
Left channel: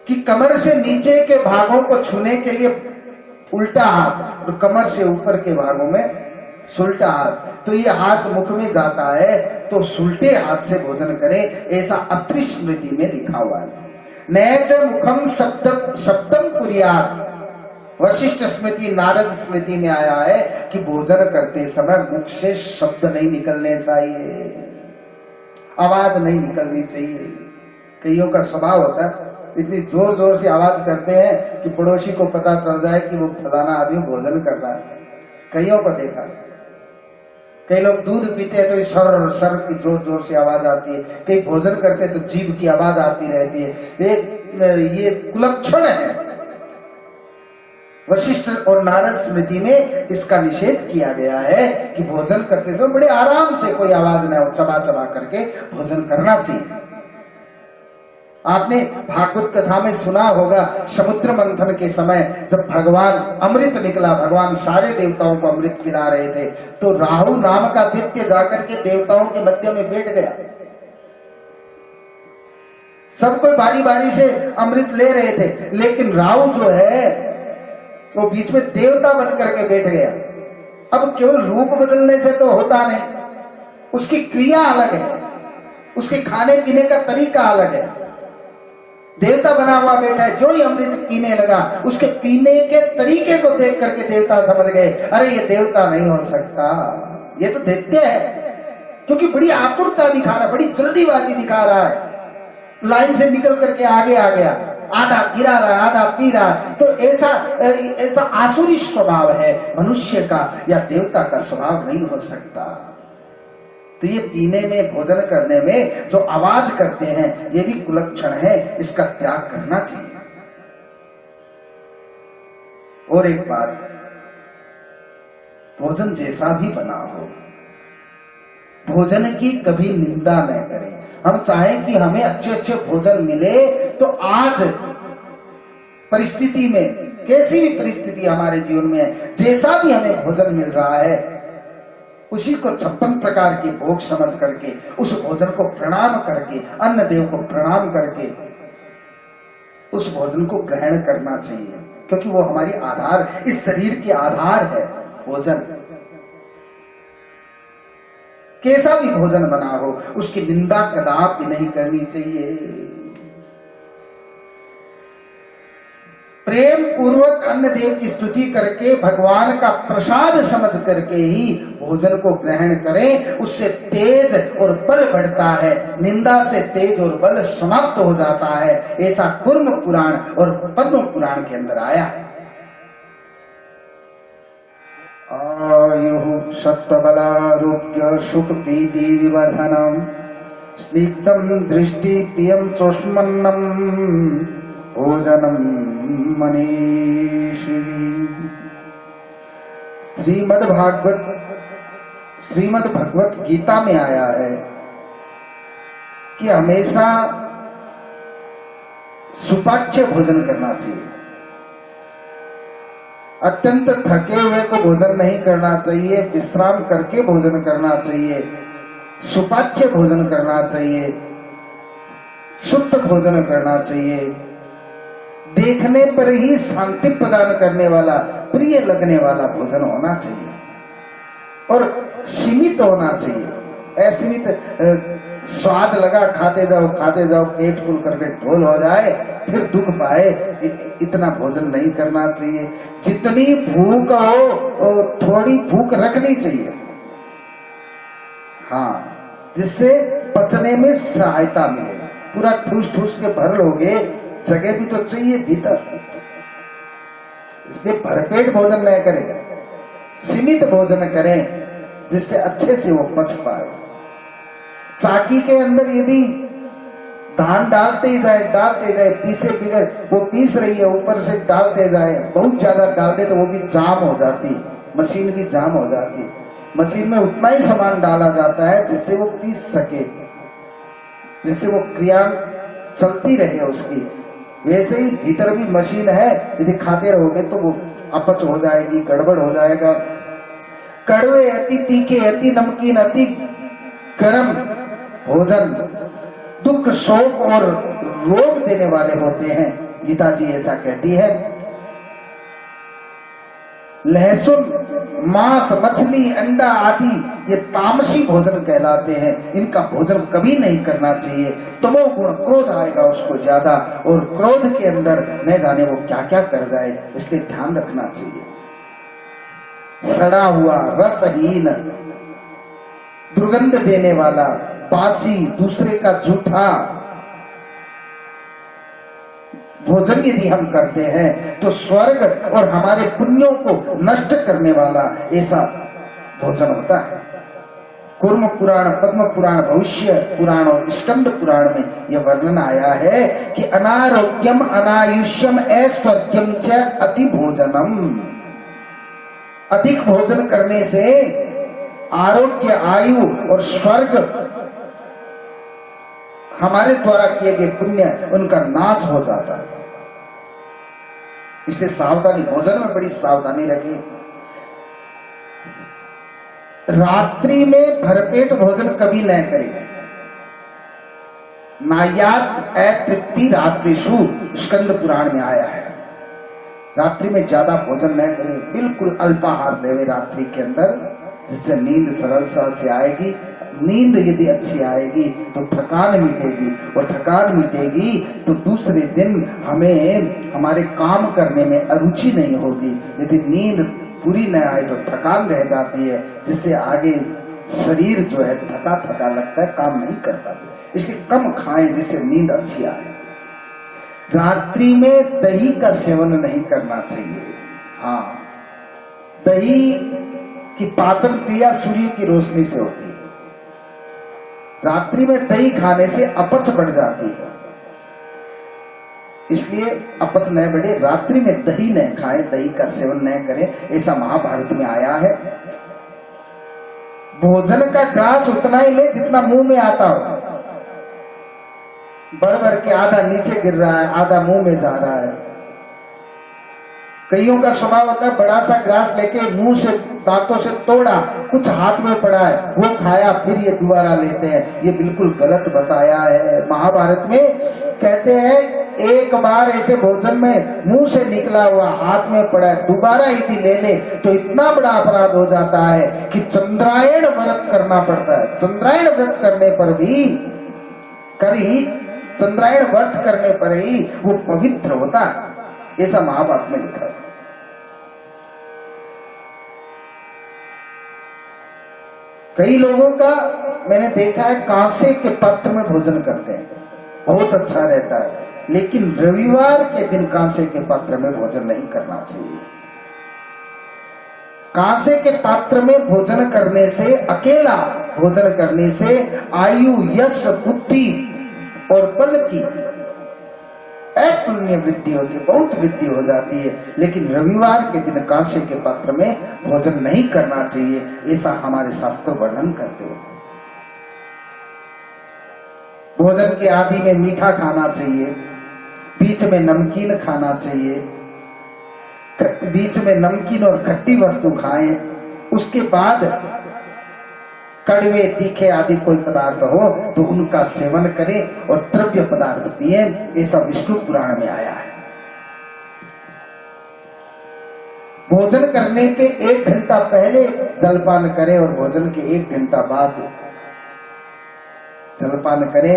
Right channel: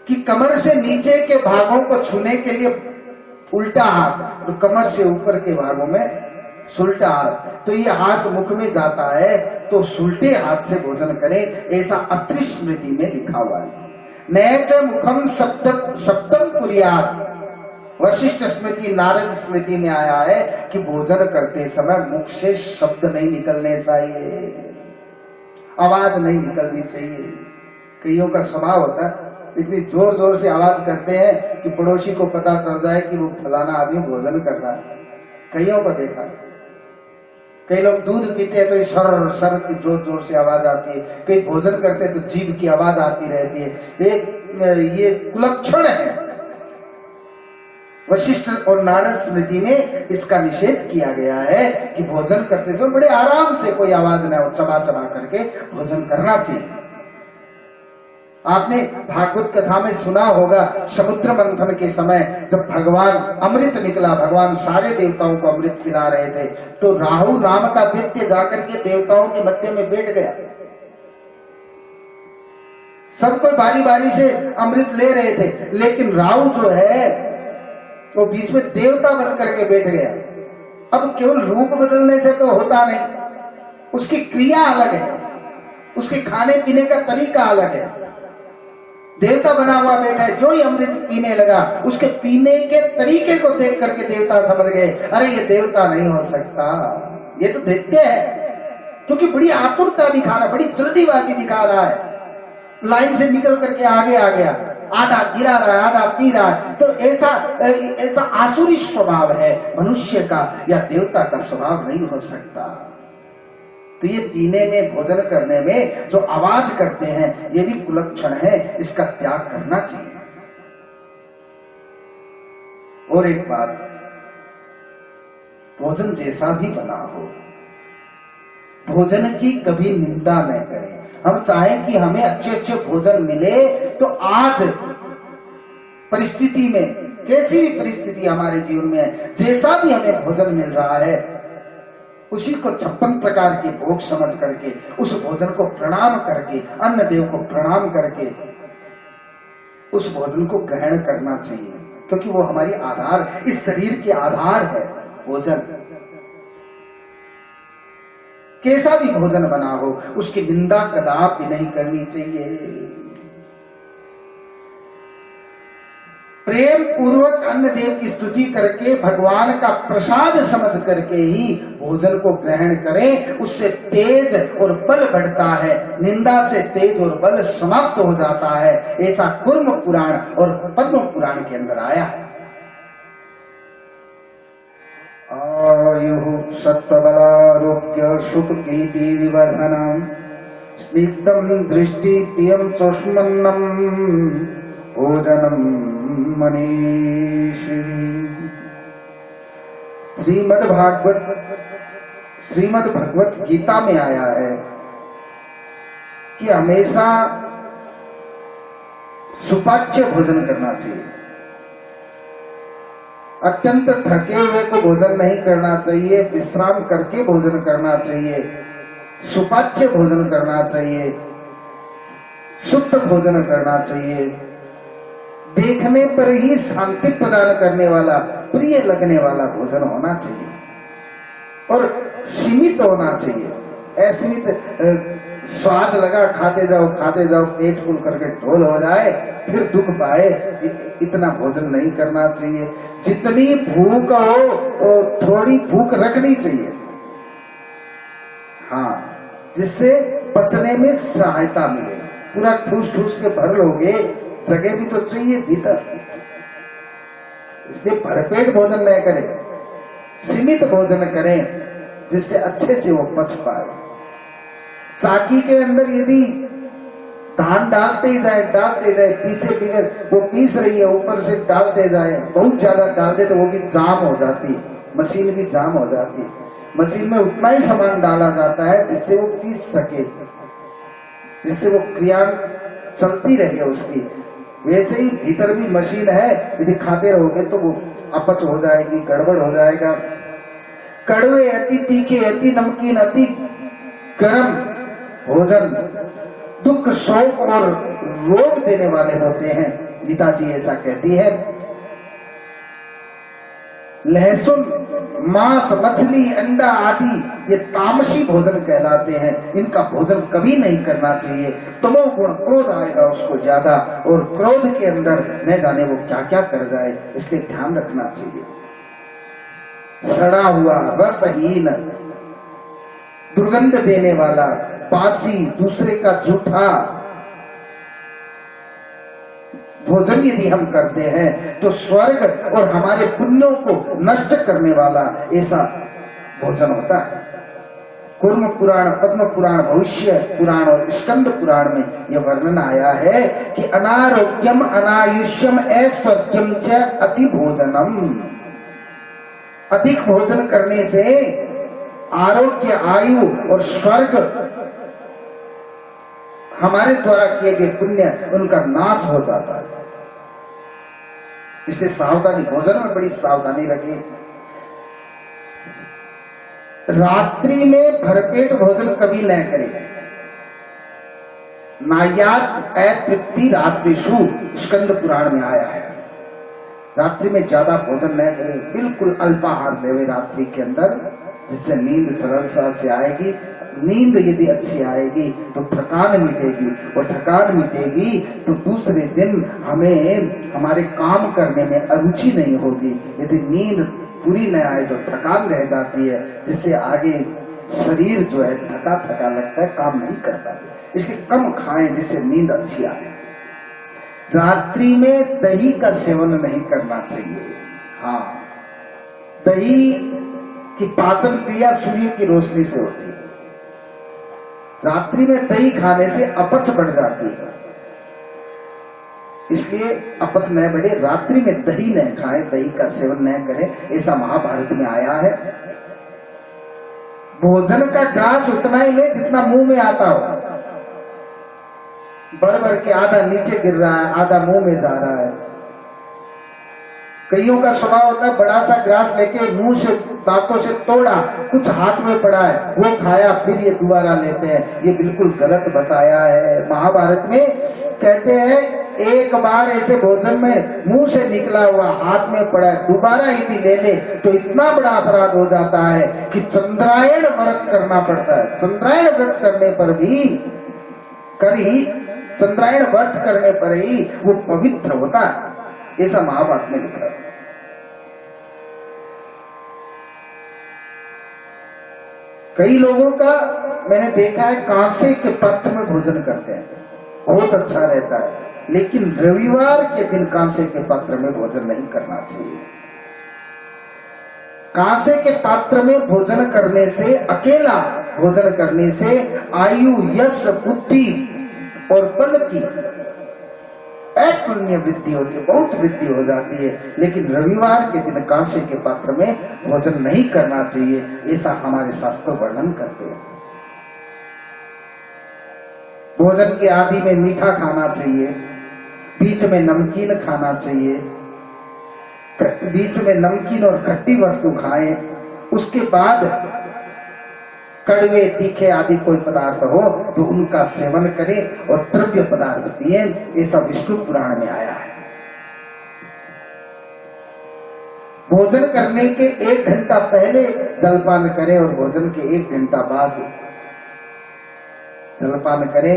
कि कमर से नीचे के भागों को छूने के लिए उल्टा हाथ और कमर से ऊपर के भागों में सुलटा हाथ। तो ये हाथ मुख में जाता है तो सुलटे हाथ से भोजन करें, ऐसा अत्रि स्मृति में लिखा हुआ है। नैच मुखम शब्दम कुर्यात्, वशिष्ठ स्मृति नारद स्मृति में आया है कि भोजन करते समय मुख से शब्द नहीं निकलने चाहिए, आवाज नहीं निकलनी चाहिए। कईयों का स्वभाव होता है इतनी जोर जोर से आवाज करते हैं कि पड़ोसी को पता चल जाए कि वो फलाना आदमी भोजन कर रहा है। कईयों को देखा, कई लोग दूध पीते हैं तो सर सर की जोर जोर से आवाज आती है, कई भोजन करते हैं तो जीभ की आवाज आती रहती है। ये कुलक्षण है। वशिष्ठ और नारद स्मृति में इसका निषेध किया गया है कि भोजन करते समय बड़े आराम से, कोई आवाज ना हो, चबा चबा करके भोजन करना चाहिए। आपने भागवत कथा में सुना होगा, समुद्र मंथन के समय जब भगवान अमृत निकला, भगवान सारे देवताओं को अमृत पिला रहे थे, तो राहु नाम का दैत्य जाकर के देवताओं के मध्य में बैठ गया। सब कोई बारी बारी से अमृत ले रहे थे, लेकिन राहु जो है वो बीच में देवता बन करके बैठ गया। अब केवल रूप बदलने से तो होता नहीं, उसकी क्रिया अलग है, उसके खाने पीने का तरीका अलग है। देवता बना हुआ बैठा है, जो ही अमृत पीने लगा उसके पीने के तरीके को देख करके देवता समझ गए, अरे ये देवता नहीं हो सकता, ये तो दैत्य है, क्योंकि बड़ी आतुरता दिखा रहा है, बड़ी जल्दीबाजी दिखा रहा है, लाइन से निकल करके आगे आ गया, आधा गिरा रहा है, आधा पी रहा है। तो ऐसा आसुरी स्वभाव है मनुष्य का, या देवता का स्वभाव नहीं हो सकता। तो ये पीने में, भोजन करने में जो आवाज करते हैं, ये भी कुलक्षण है, इसका त्याग करना चाहिए। और एक बात, भोजन जैसा भी बना हो, भोजन की कभी निंदा न करें। हम चाहें कि हमें अच्छे अच्छे भोजन मिले, तो आज परिस्थिति में, कैसी भी परिस्थिति हमारे जीवन में है, जैसा भी हमें भोजन मिल रहा है, उसी को 56 प्रकार के भोग समझ करके, उस भोजन को प्रणाम करके, अन्न देव को प्रणाम करके उस भोजन को ग्रहण करना चाहिए, क्योंकि वो हमारी आधार, इस शरीर के आधार है भोजन। कैसा भी भोजन बना हो, उसकी निंदा कदापि नहीं करनी चाहिए। प्रेम पूर्वक अन्न देव की स्तुति करके, भगवान का प्रसाद समझ करके ही भोजन को ग्रहण करें, उससे तेज और बल बढ़ता है, निंदा से तेज और बल समाप्त हो जाता है। ऐसा कुर्म पुराण और पद्म पुराण के अंदर आया। आयु सत्वबलारोग्य सुख प्रीति विवर्धनम स्निग्धम दृष्टि प्रियम चोष्मन्नम भोजनम मनीषी। श्रीमद् भगवत गीता में आया है कि हमेशा सुपाच्य भोजन करना चाहिए। अत्यंत थके हुए को भोजन नहीं करना चाहिए, विश्राम करके भोजन करना चाहिए, सुपाच्य भोजन करना चाहिए, शुद्ध भोजन करना चाहिए, देखने पर ही शांति प्रदान करने वाला, प्रिय लगने वाला भोजन होना चाहिए और सीमित होना चाहिए। असीमित स्वाद लगा खाते जाओ, पेट फुल करके ढोल हो जाए, फिर दुख पाए, इतना भोजन नहीं करना चाहिए। जितनी भूख हो थोड़ी भूख रखनी चाहिए, हाँ, जिससे पचने में सहायता मिले। पूरा ठूस ठूस के भर लोगे, जगह भी तो चाहिए भीतर, इसलिए भरपेट भोजन न करें, सीमित भोजन करें जिससे अच्छे से वो पच पाए। चाकी के अंदर यदि धान डालते ही जाए पीसे बिगड़, वो पीस रही है, ऊपर से डालते जाए, बहुत ज्यादा डाल दे तो वो भी जाम हो जाती है, मशीन भी जाम हो जाती है। मशीन में उतना ही सामान डाला जाता है जिससे वो पीस सके, जिससे वो क्रिया चलती रहे उसकी। वैसे ही भीतर भी मशीन है, यदि खाते रहोगे तो वो अपच हो जाएगी, गड़बड़ हो जाएगा। कड़वे, अति तीखे, अति नमकीन, अति गर्म भोजन दुख, शोक और रोग देने वाले होते हैं, गीता जी ऐसा कहती है। लहसुन, मांस, मछली, अंडा आदि ये तामसी भोजन कहलाते हैं, इनका भोजन कभी नहीं करना चाहिए। तमोगुण, क्रोध आएगा उसको ज्यादा, और क्रोध के अंदर न जाने वो क्या क्या कर जाए, इसलिए ध्यान रखना चाहिए। सड़ा हुआ, रसहीन, दुर्गंध देने वाला, बासी, दूसरे का झूठा भोजन यदि हम करते हैं तो स्वर्ग और हमारे पुण्यों को नष्ट करने वाला ऐसा भोजन होता है। कूर्म पुराण, पद्म पुराण, भविष्य पुराण और स्कंद पुराण में यह वर्णन आया है कि अनारोग्यम, अनायुष्यम, ऐश्वर्यम च अति भोजनम। अधिक भोजन करने से आरोग्य, आयु और स्वर्ग, हमारे द्वारा किए गए पुण्य, उनका नाश हो जाता है। इसलिए सावधानी, भोजन में बड़ी सावधानी रखें। रात्रि में भरपेट भोजन कभी न करें। नायात अतृप्ति रात्रिषु, स्कंद पुराण में आया है। रात्रि में ज्यादा भोजन न करें, बिल्कुल अल्पाहार लेवे रात्रि के अंदर, जिससे नींद सरलता से आएगी। नींद यदि अच्छी आएगी तो थकान मिटेगी, और थकान मिटेगी तो दूसरे दिन हमें हमारे काम करने में अरुचि नहीं होगी। यदि नींद पूरी न आए तो थकान रह जाती है, जिससे आगे शरीर जो है थका थका लगता है, काम नहीं कर पाते। इसलिए कम खाएं जिससे नींद अच्छी आए। रात्रि में दही का सेवन नहीं करना चाहिए। हाँ, दही की पाचन क्रिया सूर्य की रोशनी से होती है। रात्रि में दही खाने से अपच बढ़ जाती है, इसलिए अपच न बढ़े, रात्रि में दही न खाएं, दही का सेवन न करें, ऐसा महाभारत में आया है। भोजन का ग्रास उतना ही ले जितना मुंह में आता हो। भर भर के आधा नीचे गिर रहा है, आधा मुंह में जा रहा है। कईयों का स्वभाव होता है बड़ा सा ग्लास लेके मुंह से, दांतों से तोड़ा, कुछ हाथ में पड़ा है, वो खाया, फिर ये दोबारा लेते हैं। ये बिल्कुल गलत बताया है। महाभारत में कहते हैं एक बार ऐसे भोजन में मुंह से निकला हुआ हाथ में पड़ा है, दोबारा यदि ले ले तो इतना बड़ा अपराध हो जाता है कि चंद्रायण व्रत करना पड़ता है। चंद्रायण व्रत करने पर भी चंद्रायण व्रत करने पर ही वो पवित्र होता है, ऐसा महाभारत में लिखा है। कई लोगों का मैंने देखा है कांसे के पात्र में भोजन करते हैं, बहुत अच्छा रहता है, लेकिन रविवार के दिन कांसे के पात्र में भोजन नहीं करना चाहिए। कांसे के पात्र में भोजन करने से, अकेला भोजन करने से आयु, यश, बुद्धि और बल की अतुलनीय वृद्धि होती है, बहुत वृद्धि हो जाती है। लेकिन रविवार के दिन कांसे के पात्र में भोजन नहीं करना चाहिए, ऐसा हमारे शास्त्र वर्णन करते हैं। भोजन के आदि में मीठा खाना चाहिए, बीच में नमकीन खाना चाहिए, बीच में नमकीन और खट्टी वस्तु खाएं, उसके बाद कड़वे, तीखे आदि कोई पदार्थ हो तो उनका सेवन करें और द्रव्य पदार्थ पिए, ऐसा विष्णु पुराण में आया है। भोजन करने के 1 घंटा पहले जलपान करें और भोजन के 1 घंटा बाद जलपान करें,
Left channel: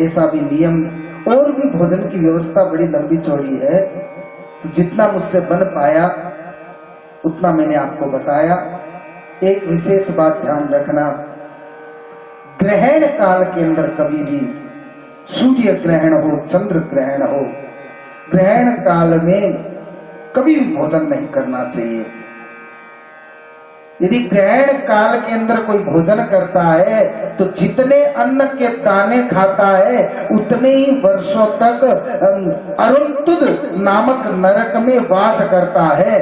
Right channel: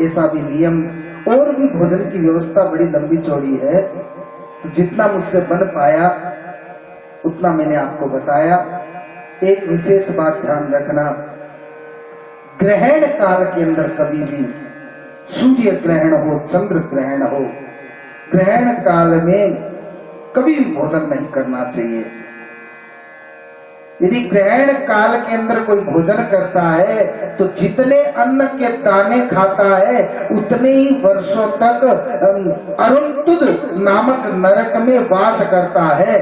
ऐसा भी नियम। और भी भोजन की व्यवस्था बड़ी लंबी चौड़ी है, जितना मुझसे बन पाया उतना मैंने आपको बताया। एक विशेष बात ध्यान रखना, ग्रहण काल के अंदर कभी भी सूर्य ग्रहण हो, चंद्र ग्रहण हो, ग्रहण काल में कभी भी भोजन नहीं करना चाहिए। यदि ग्रहण काल के अंदर कोई भोजन करता है तो जितने अन्न के दाने खाता है उतने ही वर्षों तक अरुणतुद नामक नरक में वास करता है।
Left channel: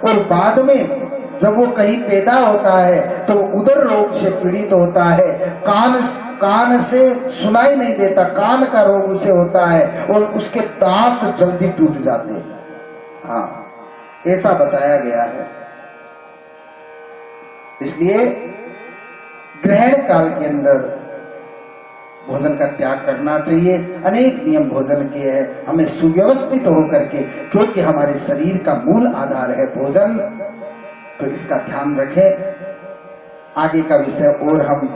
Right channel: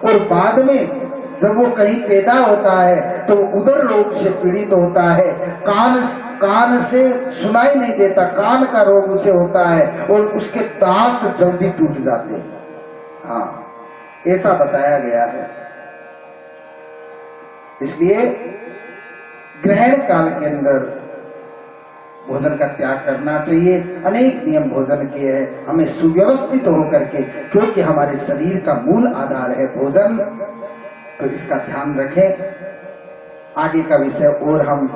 और बाद में जब वो कहीं पैदा होता है तो उदर रोग से पीड़ित होता है, कान से सुनाई नहीं देता, कान का रोग उसे होता है और उसके दांत जल्दी टूट जाते हैं। हाँ, ऐसा बताया गया है। इसलिए ग्रहण काल के अंदर भोजन का त्याग करना चाहिए। अनेक नियम भोजन के हैं, हमें सुव्यवस्थित होकर के, क्योंकि हमारे शरीर का मूल आधार है भोजन, तो इसका ध्यान रखें। आगे का विषय और हम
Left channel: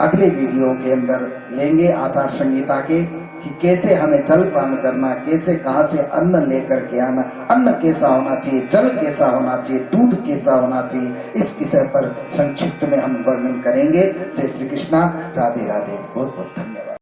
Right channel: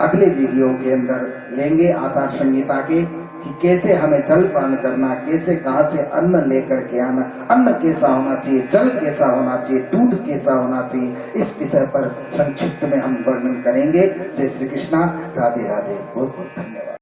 अगले वीडियो के अंदर लेंगे आचार संहिता के, कि कैसे हमें जलपान करना, कैसे कहां से अन्न लेकर के आना, अन्न कैसा होना चाहिए, जल कैसा होना चाहिए, दूध कैसा होना चाहिए, इस विषय पर संक्षिप्त में हम वर्णन करेंगे। जय श्री कृष्णा, राधे राधे, बहुत बहुत धन्यवाद।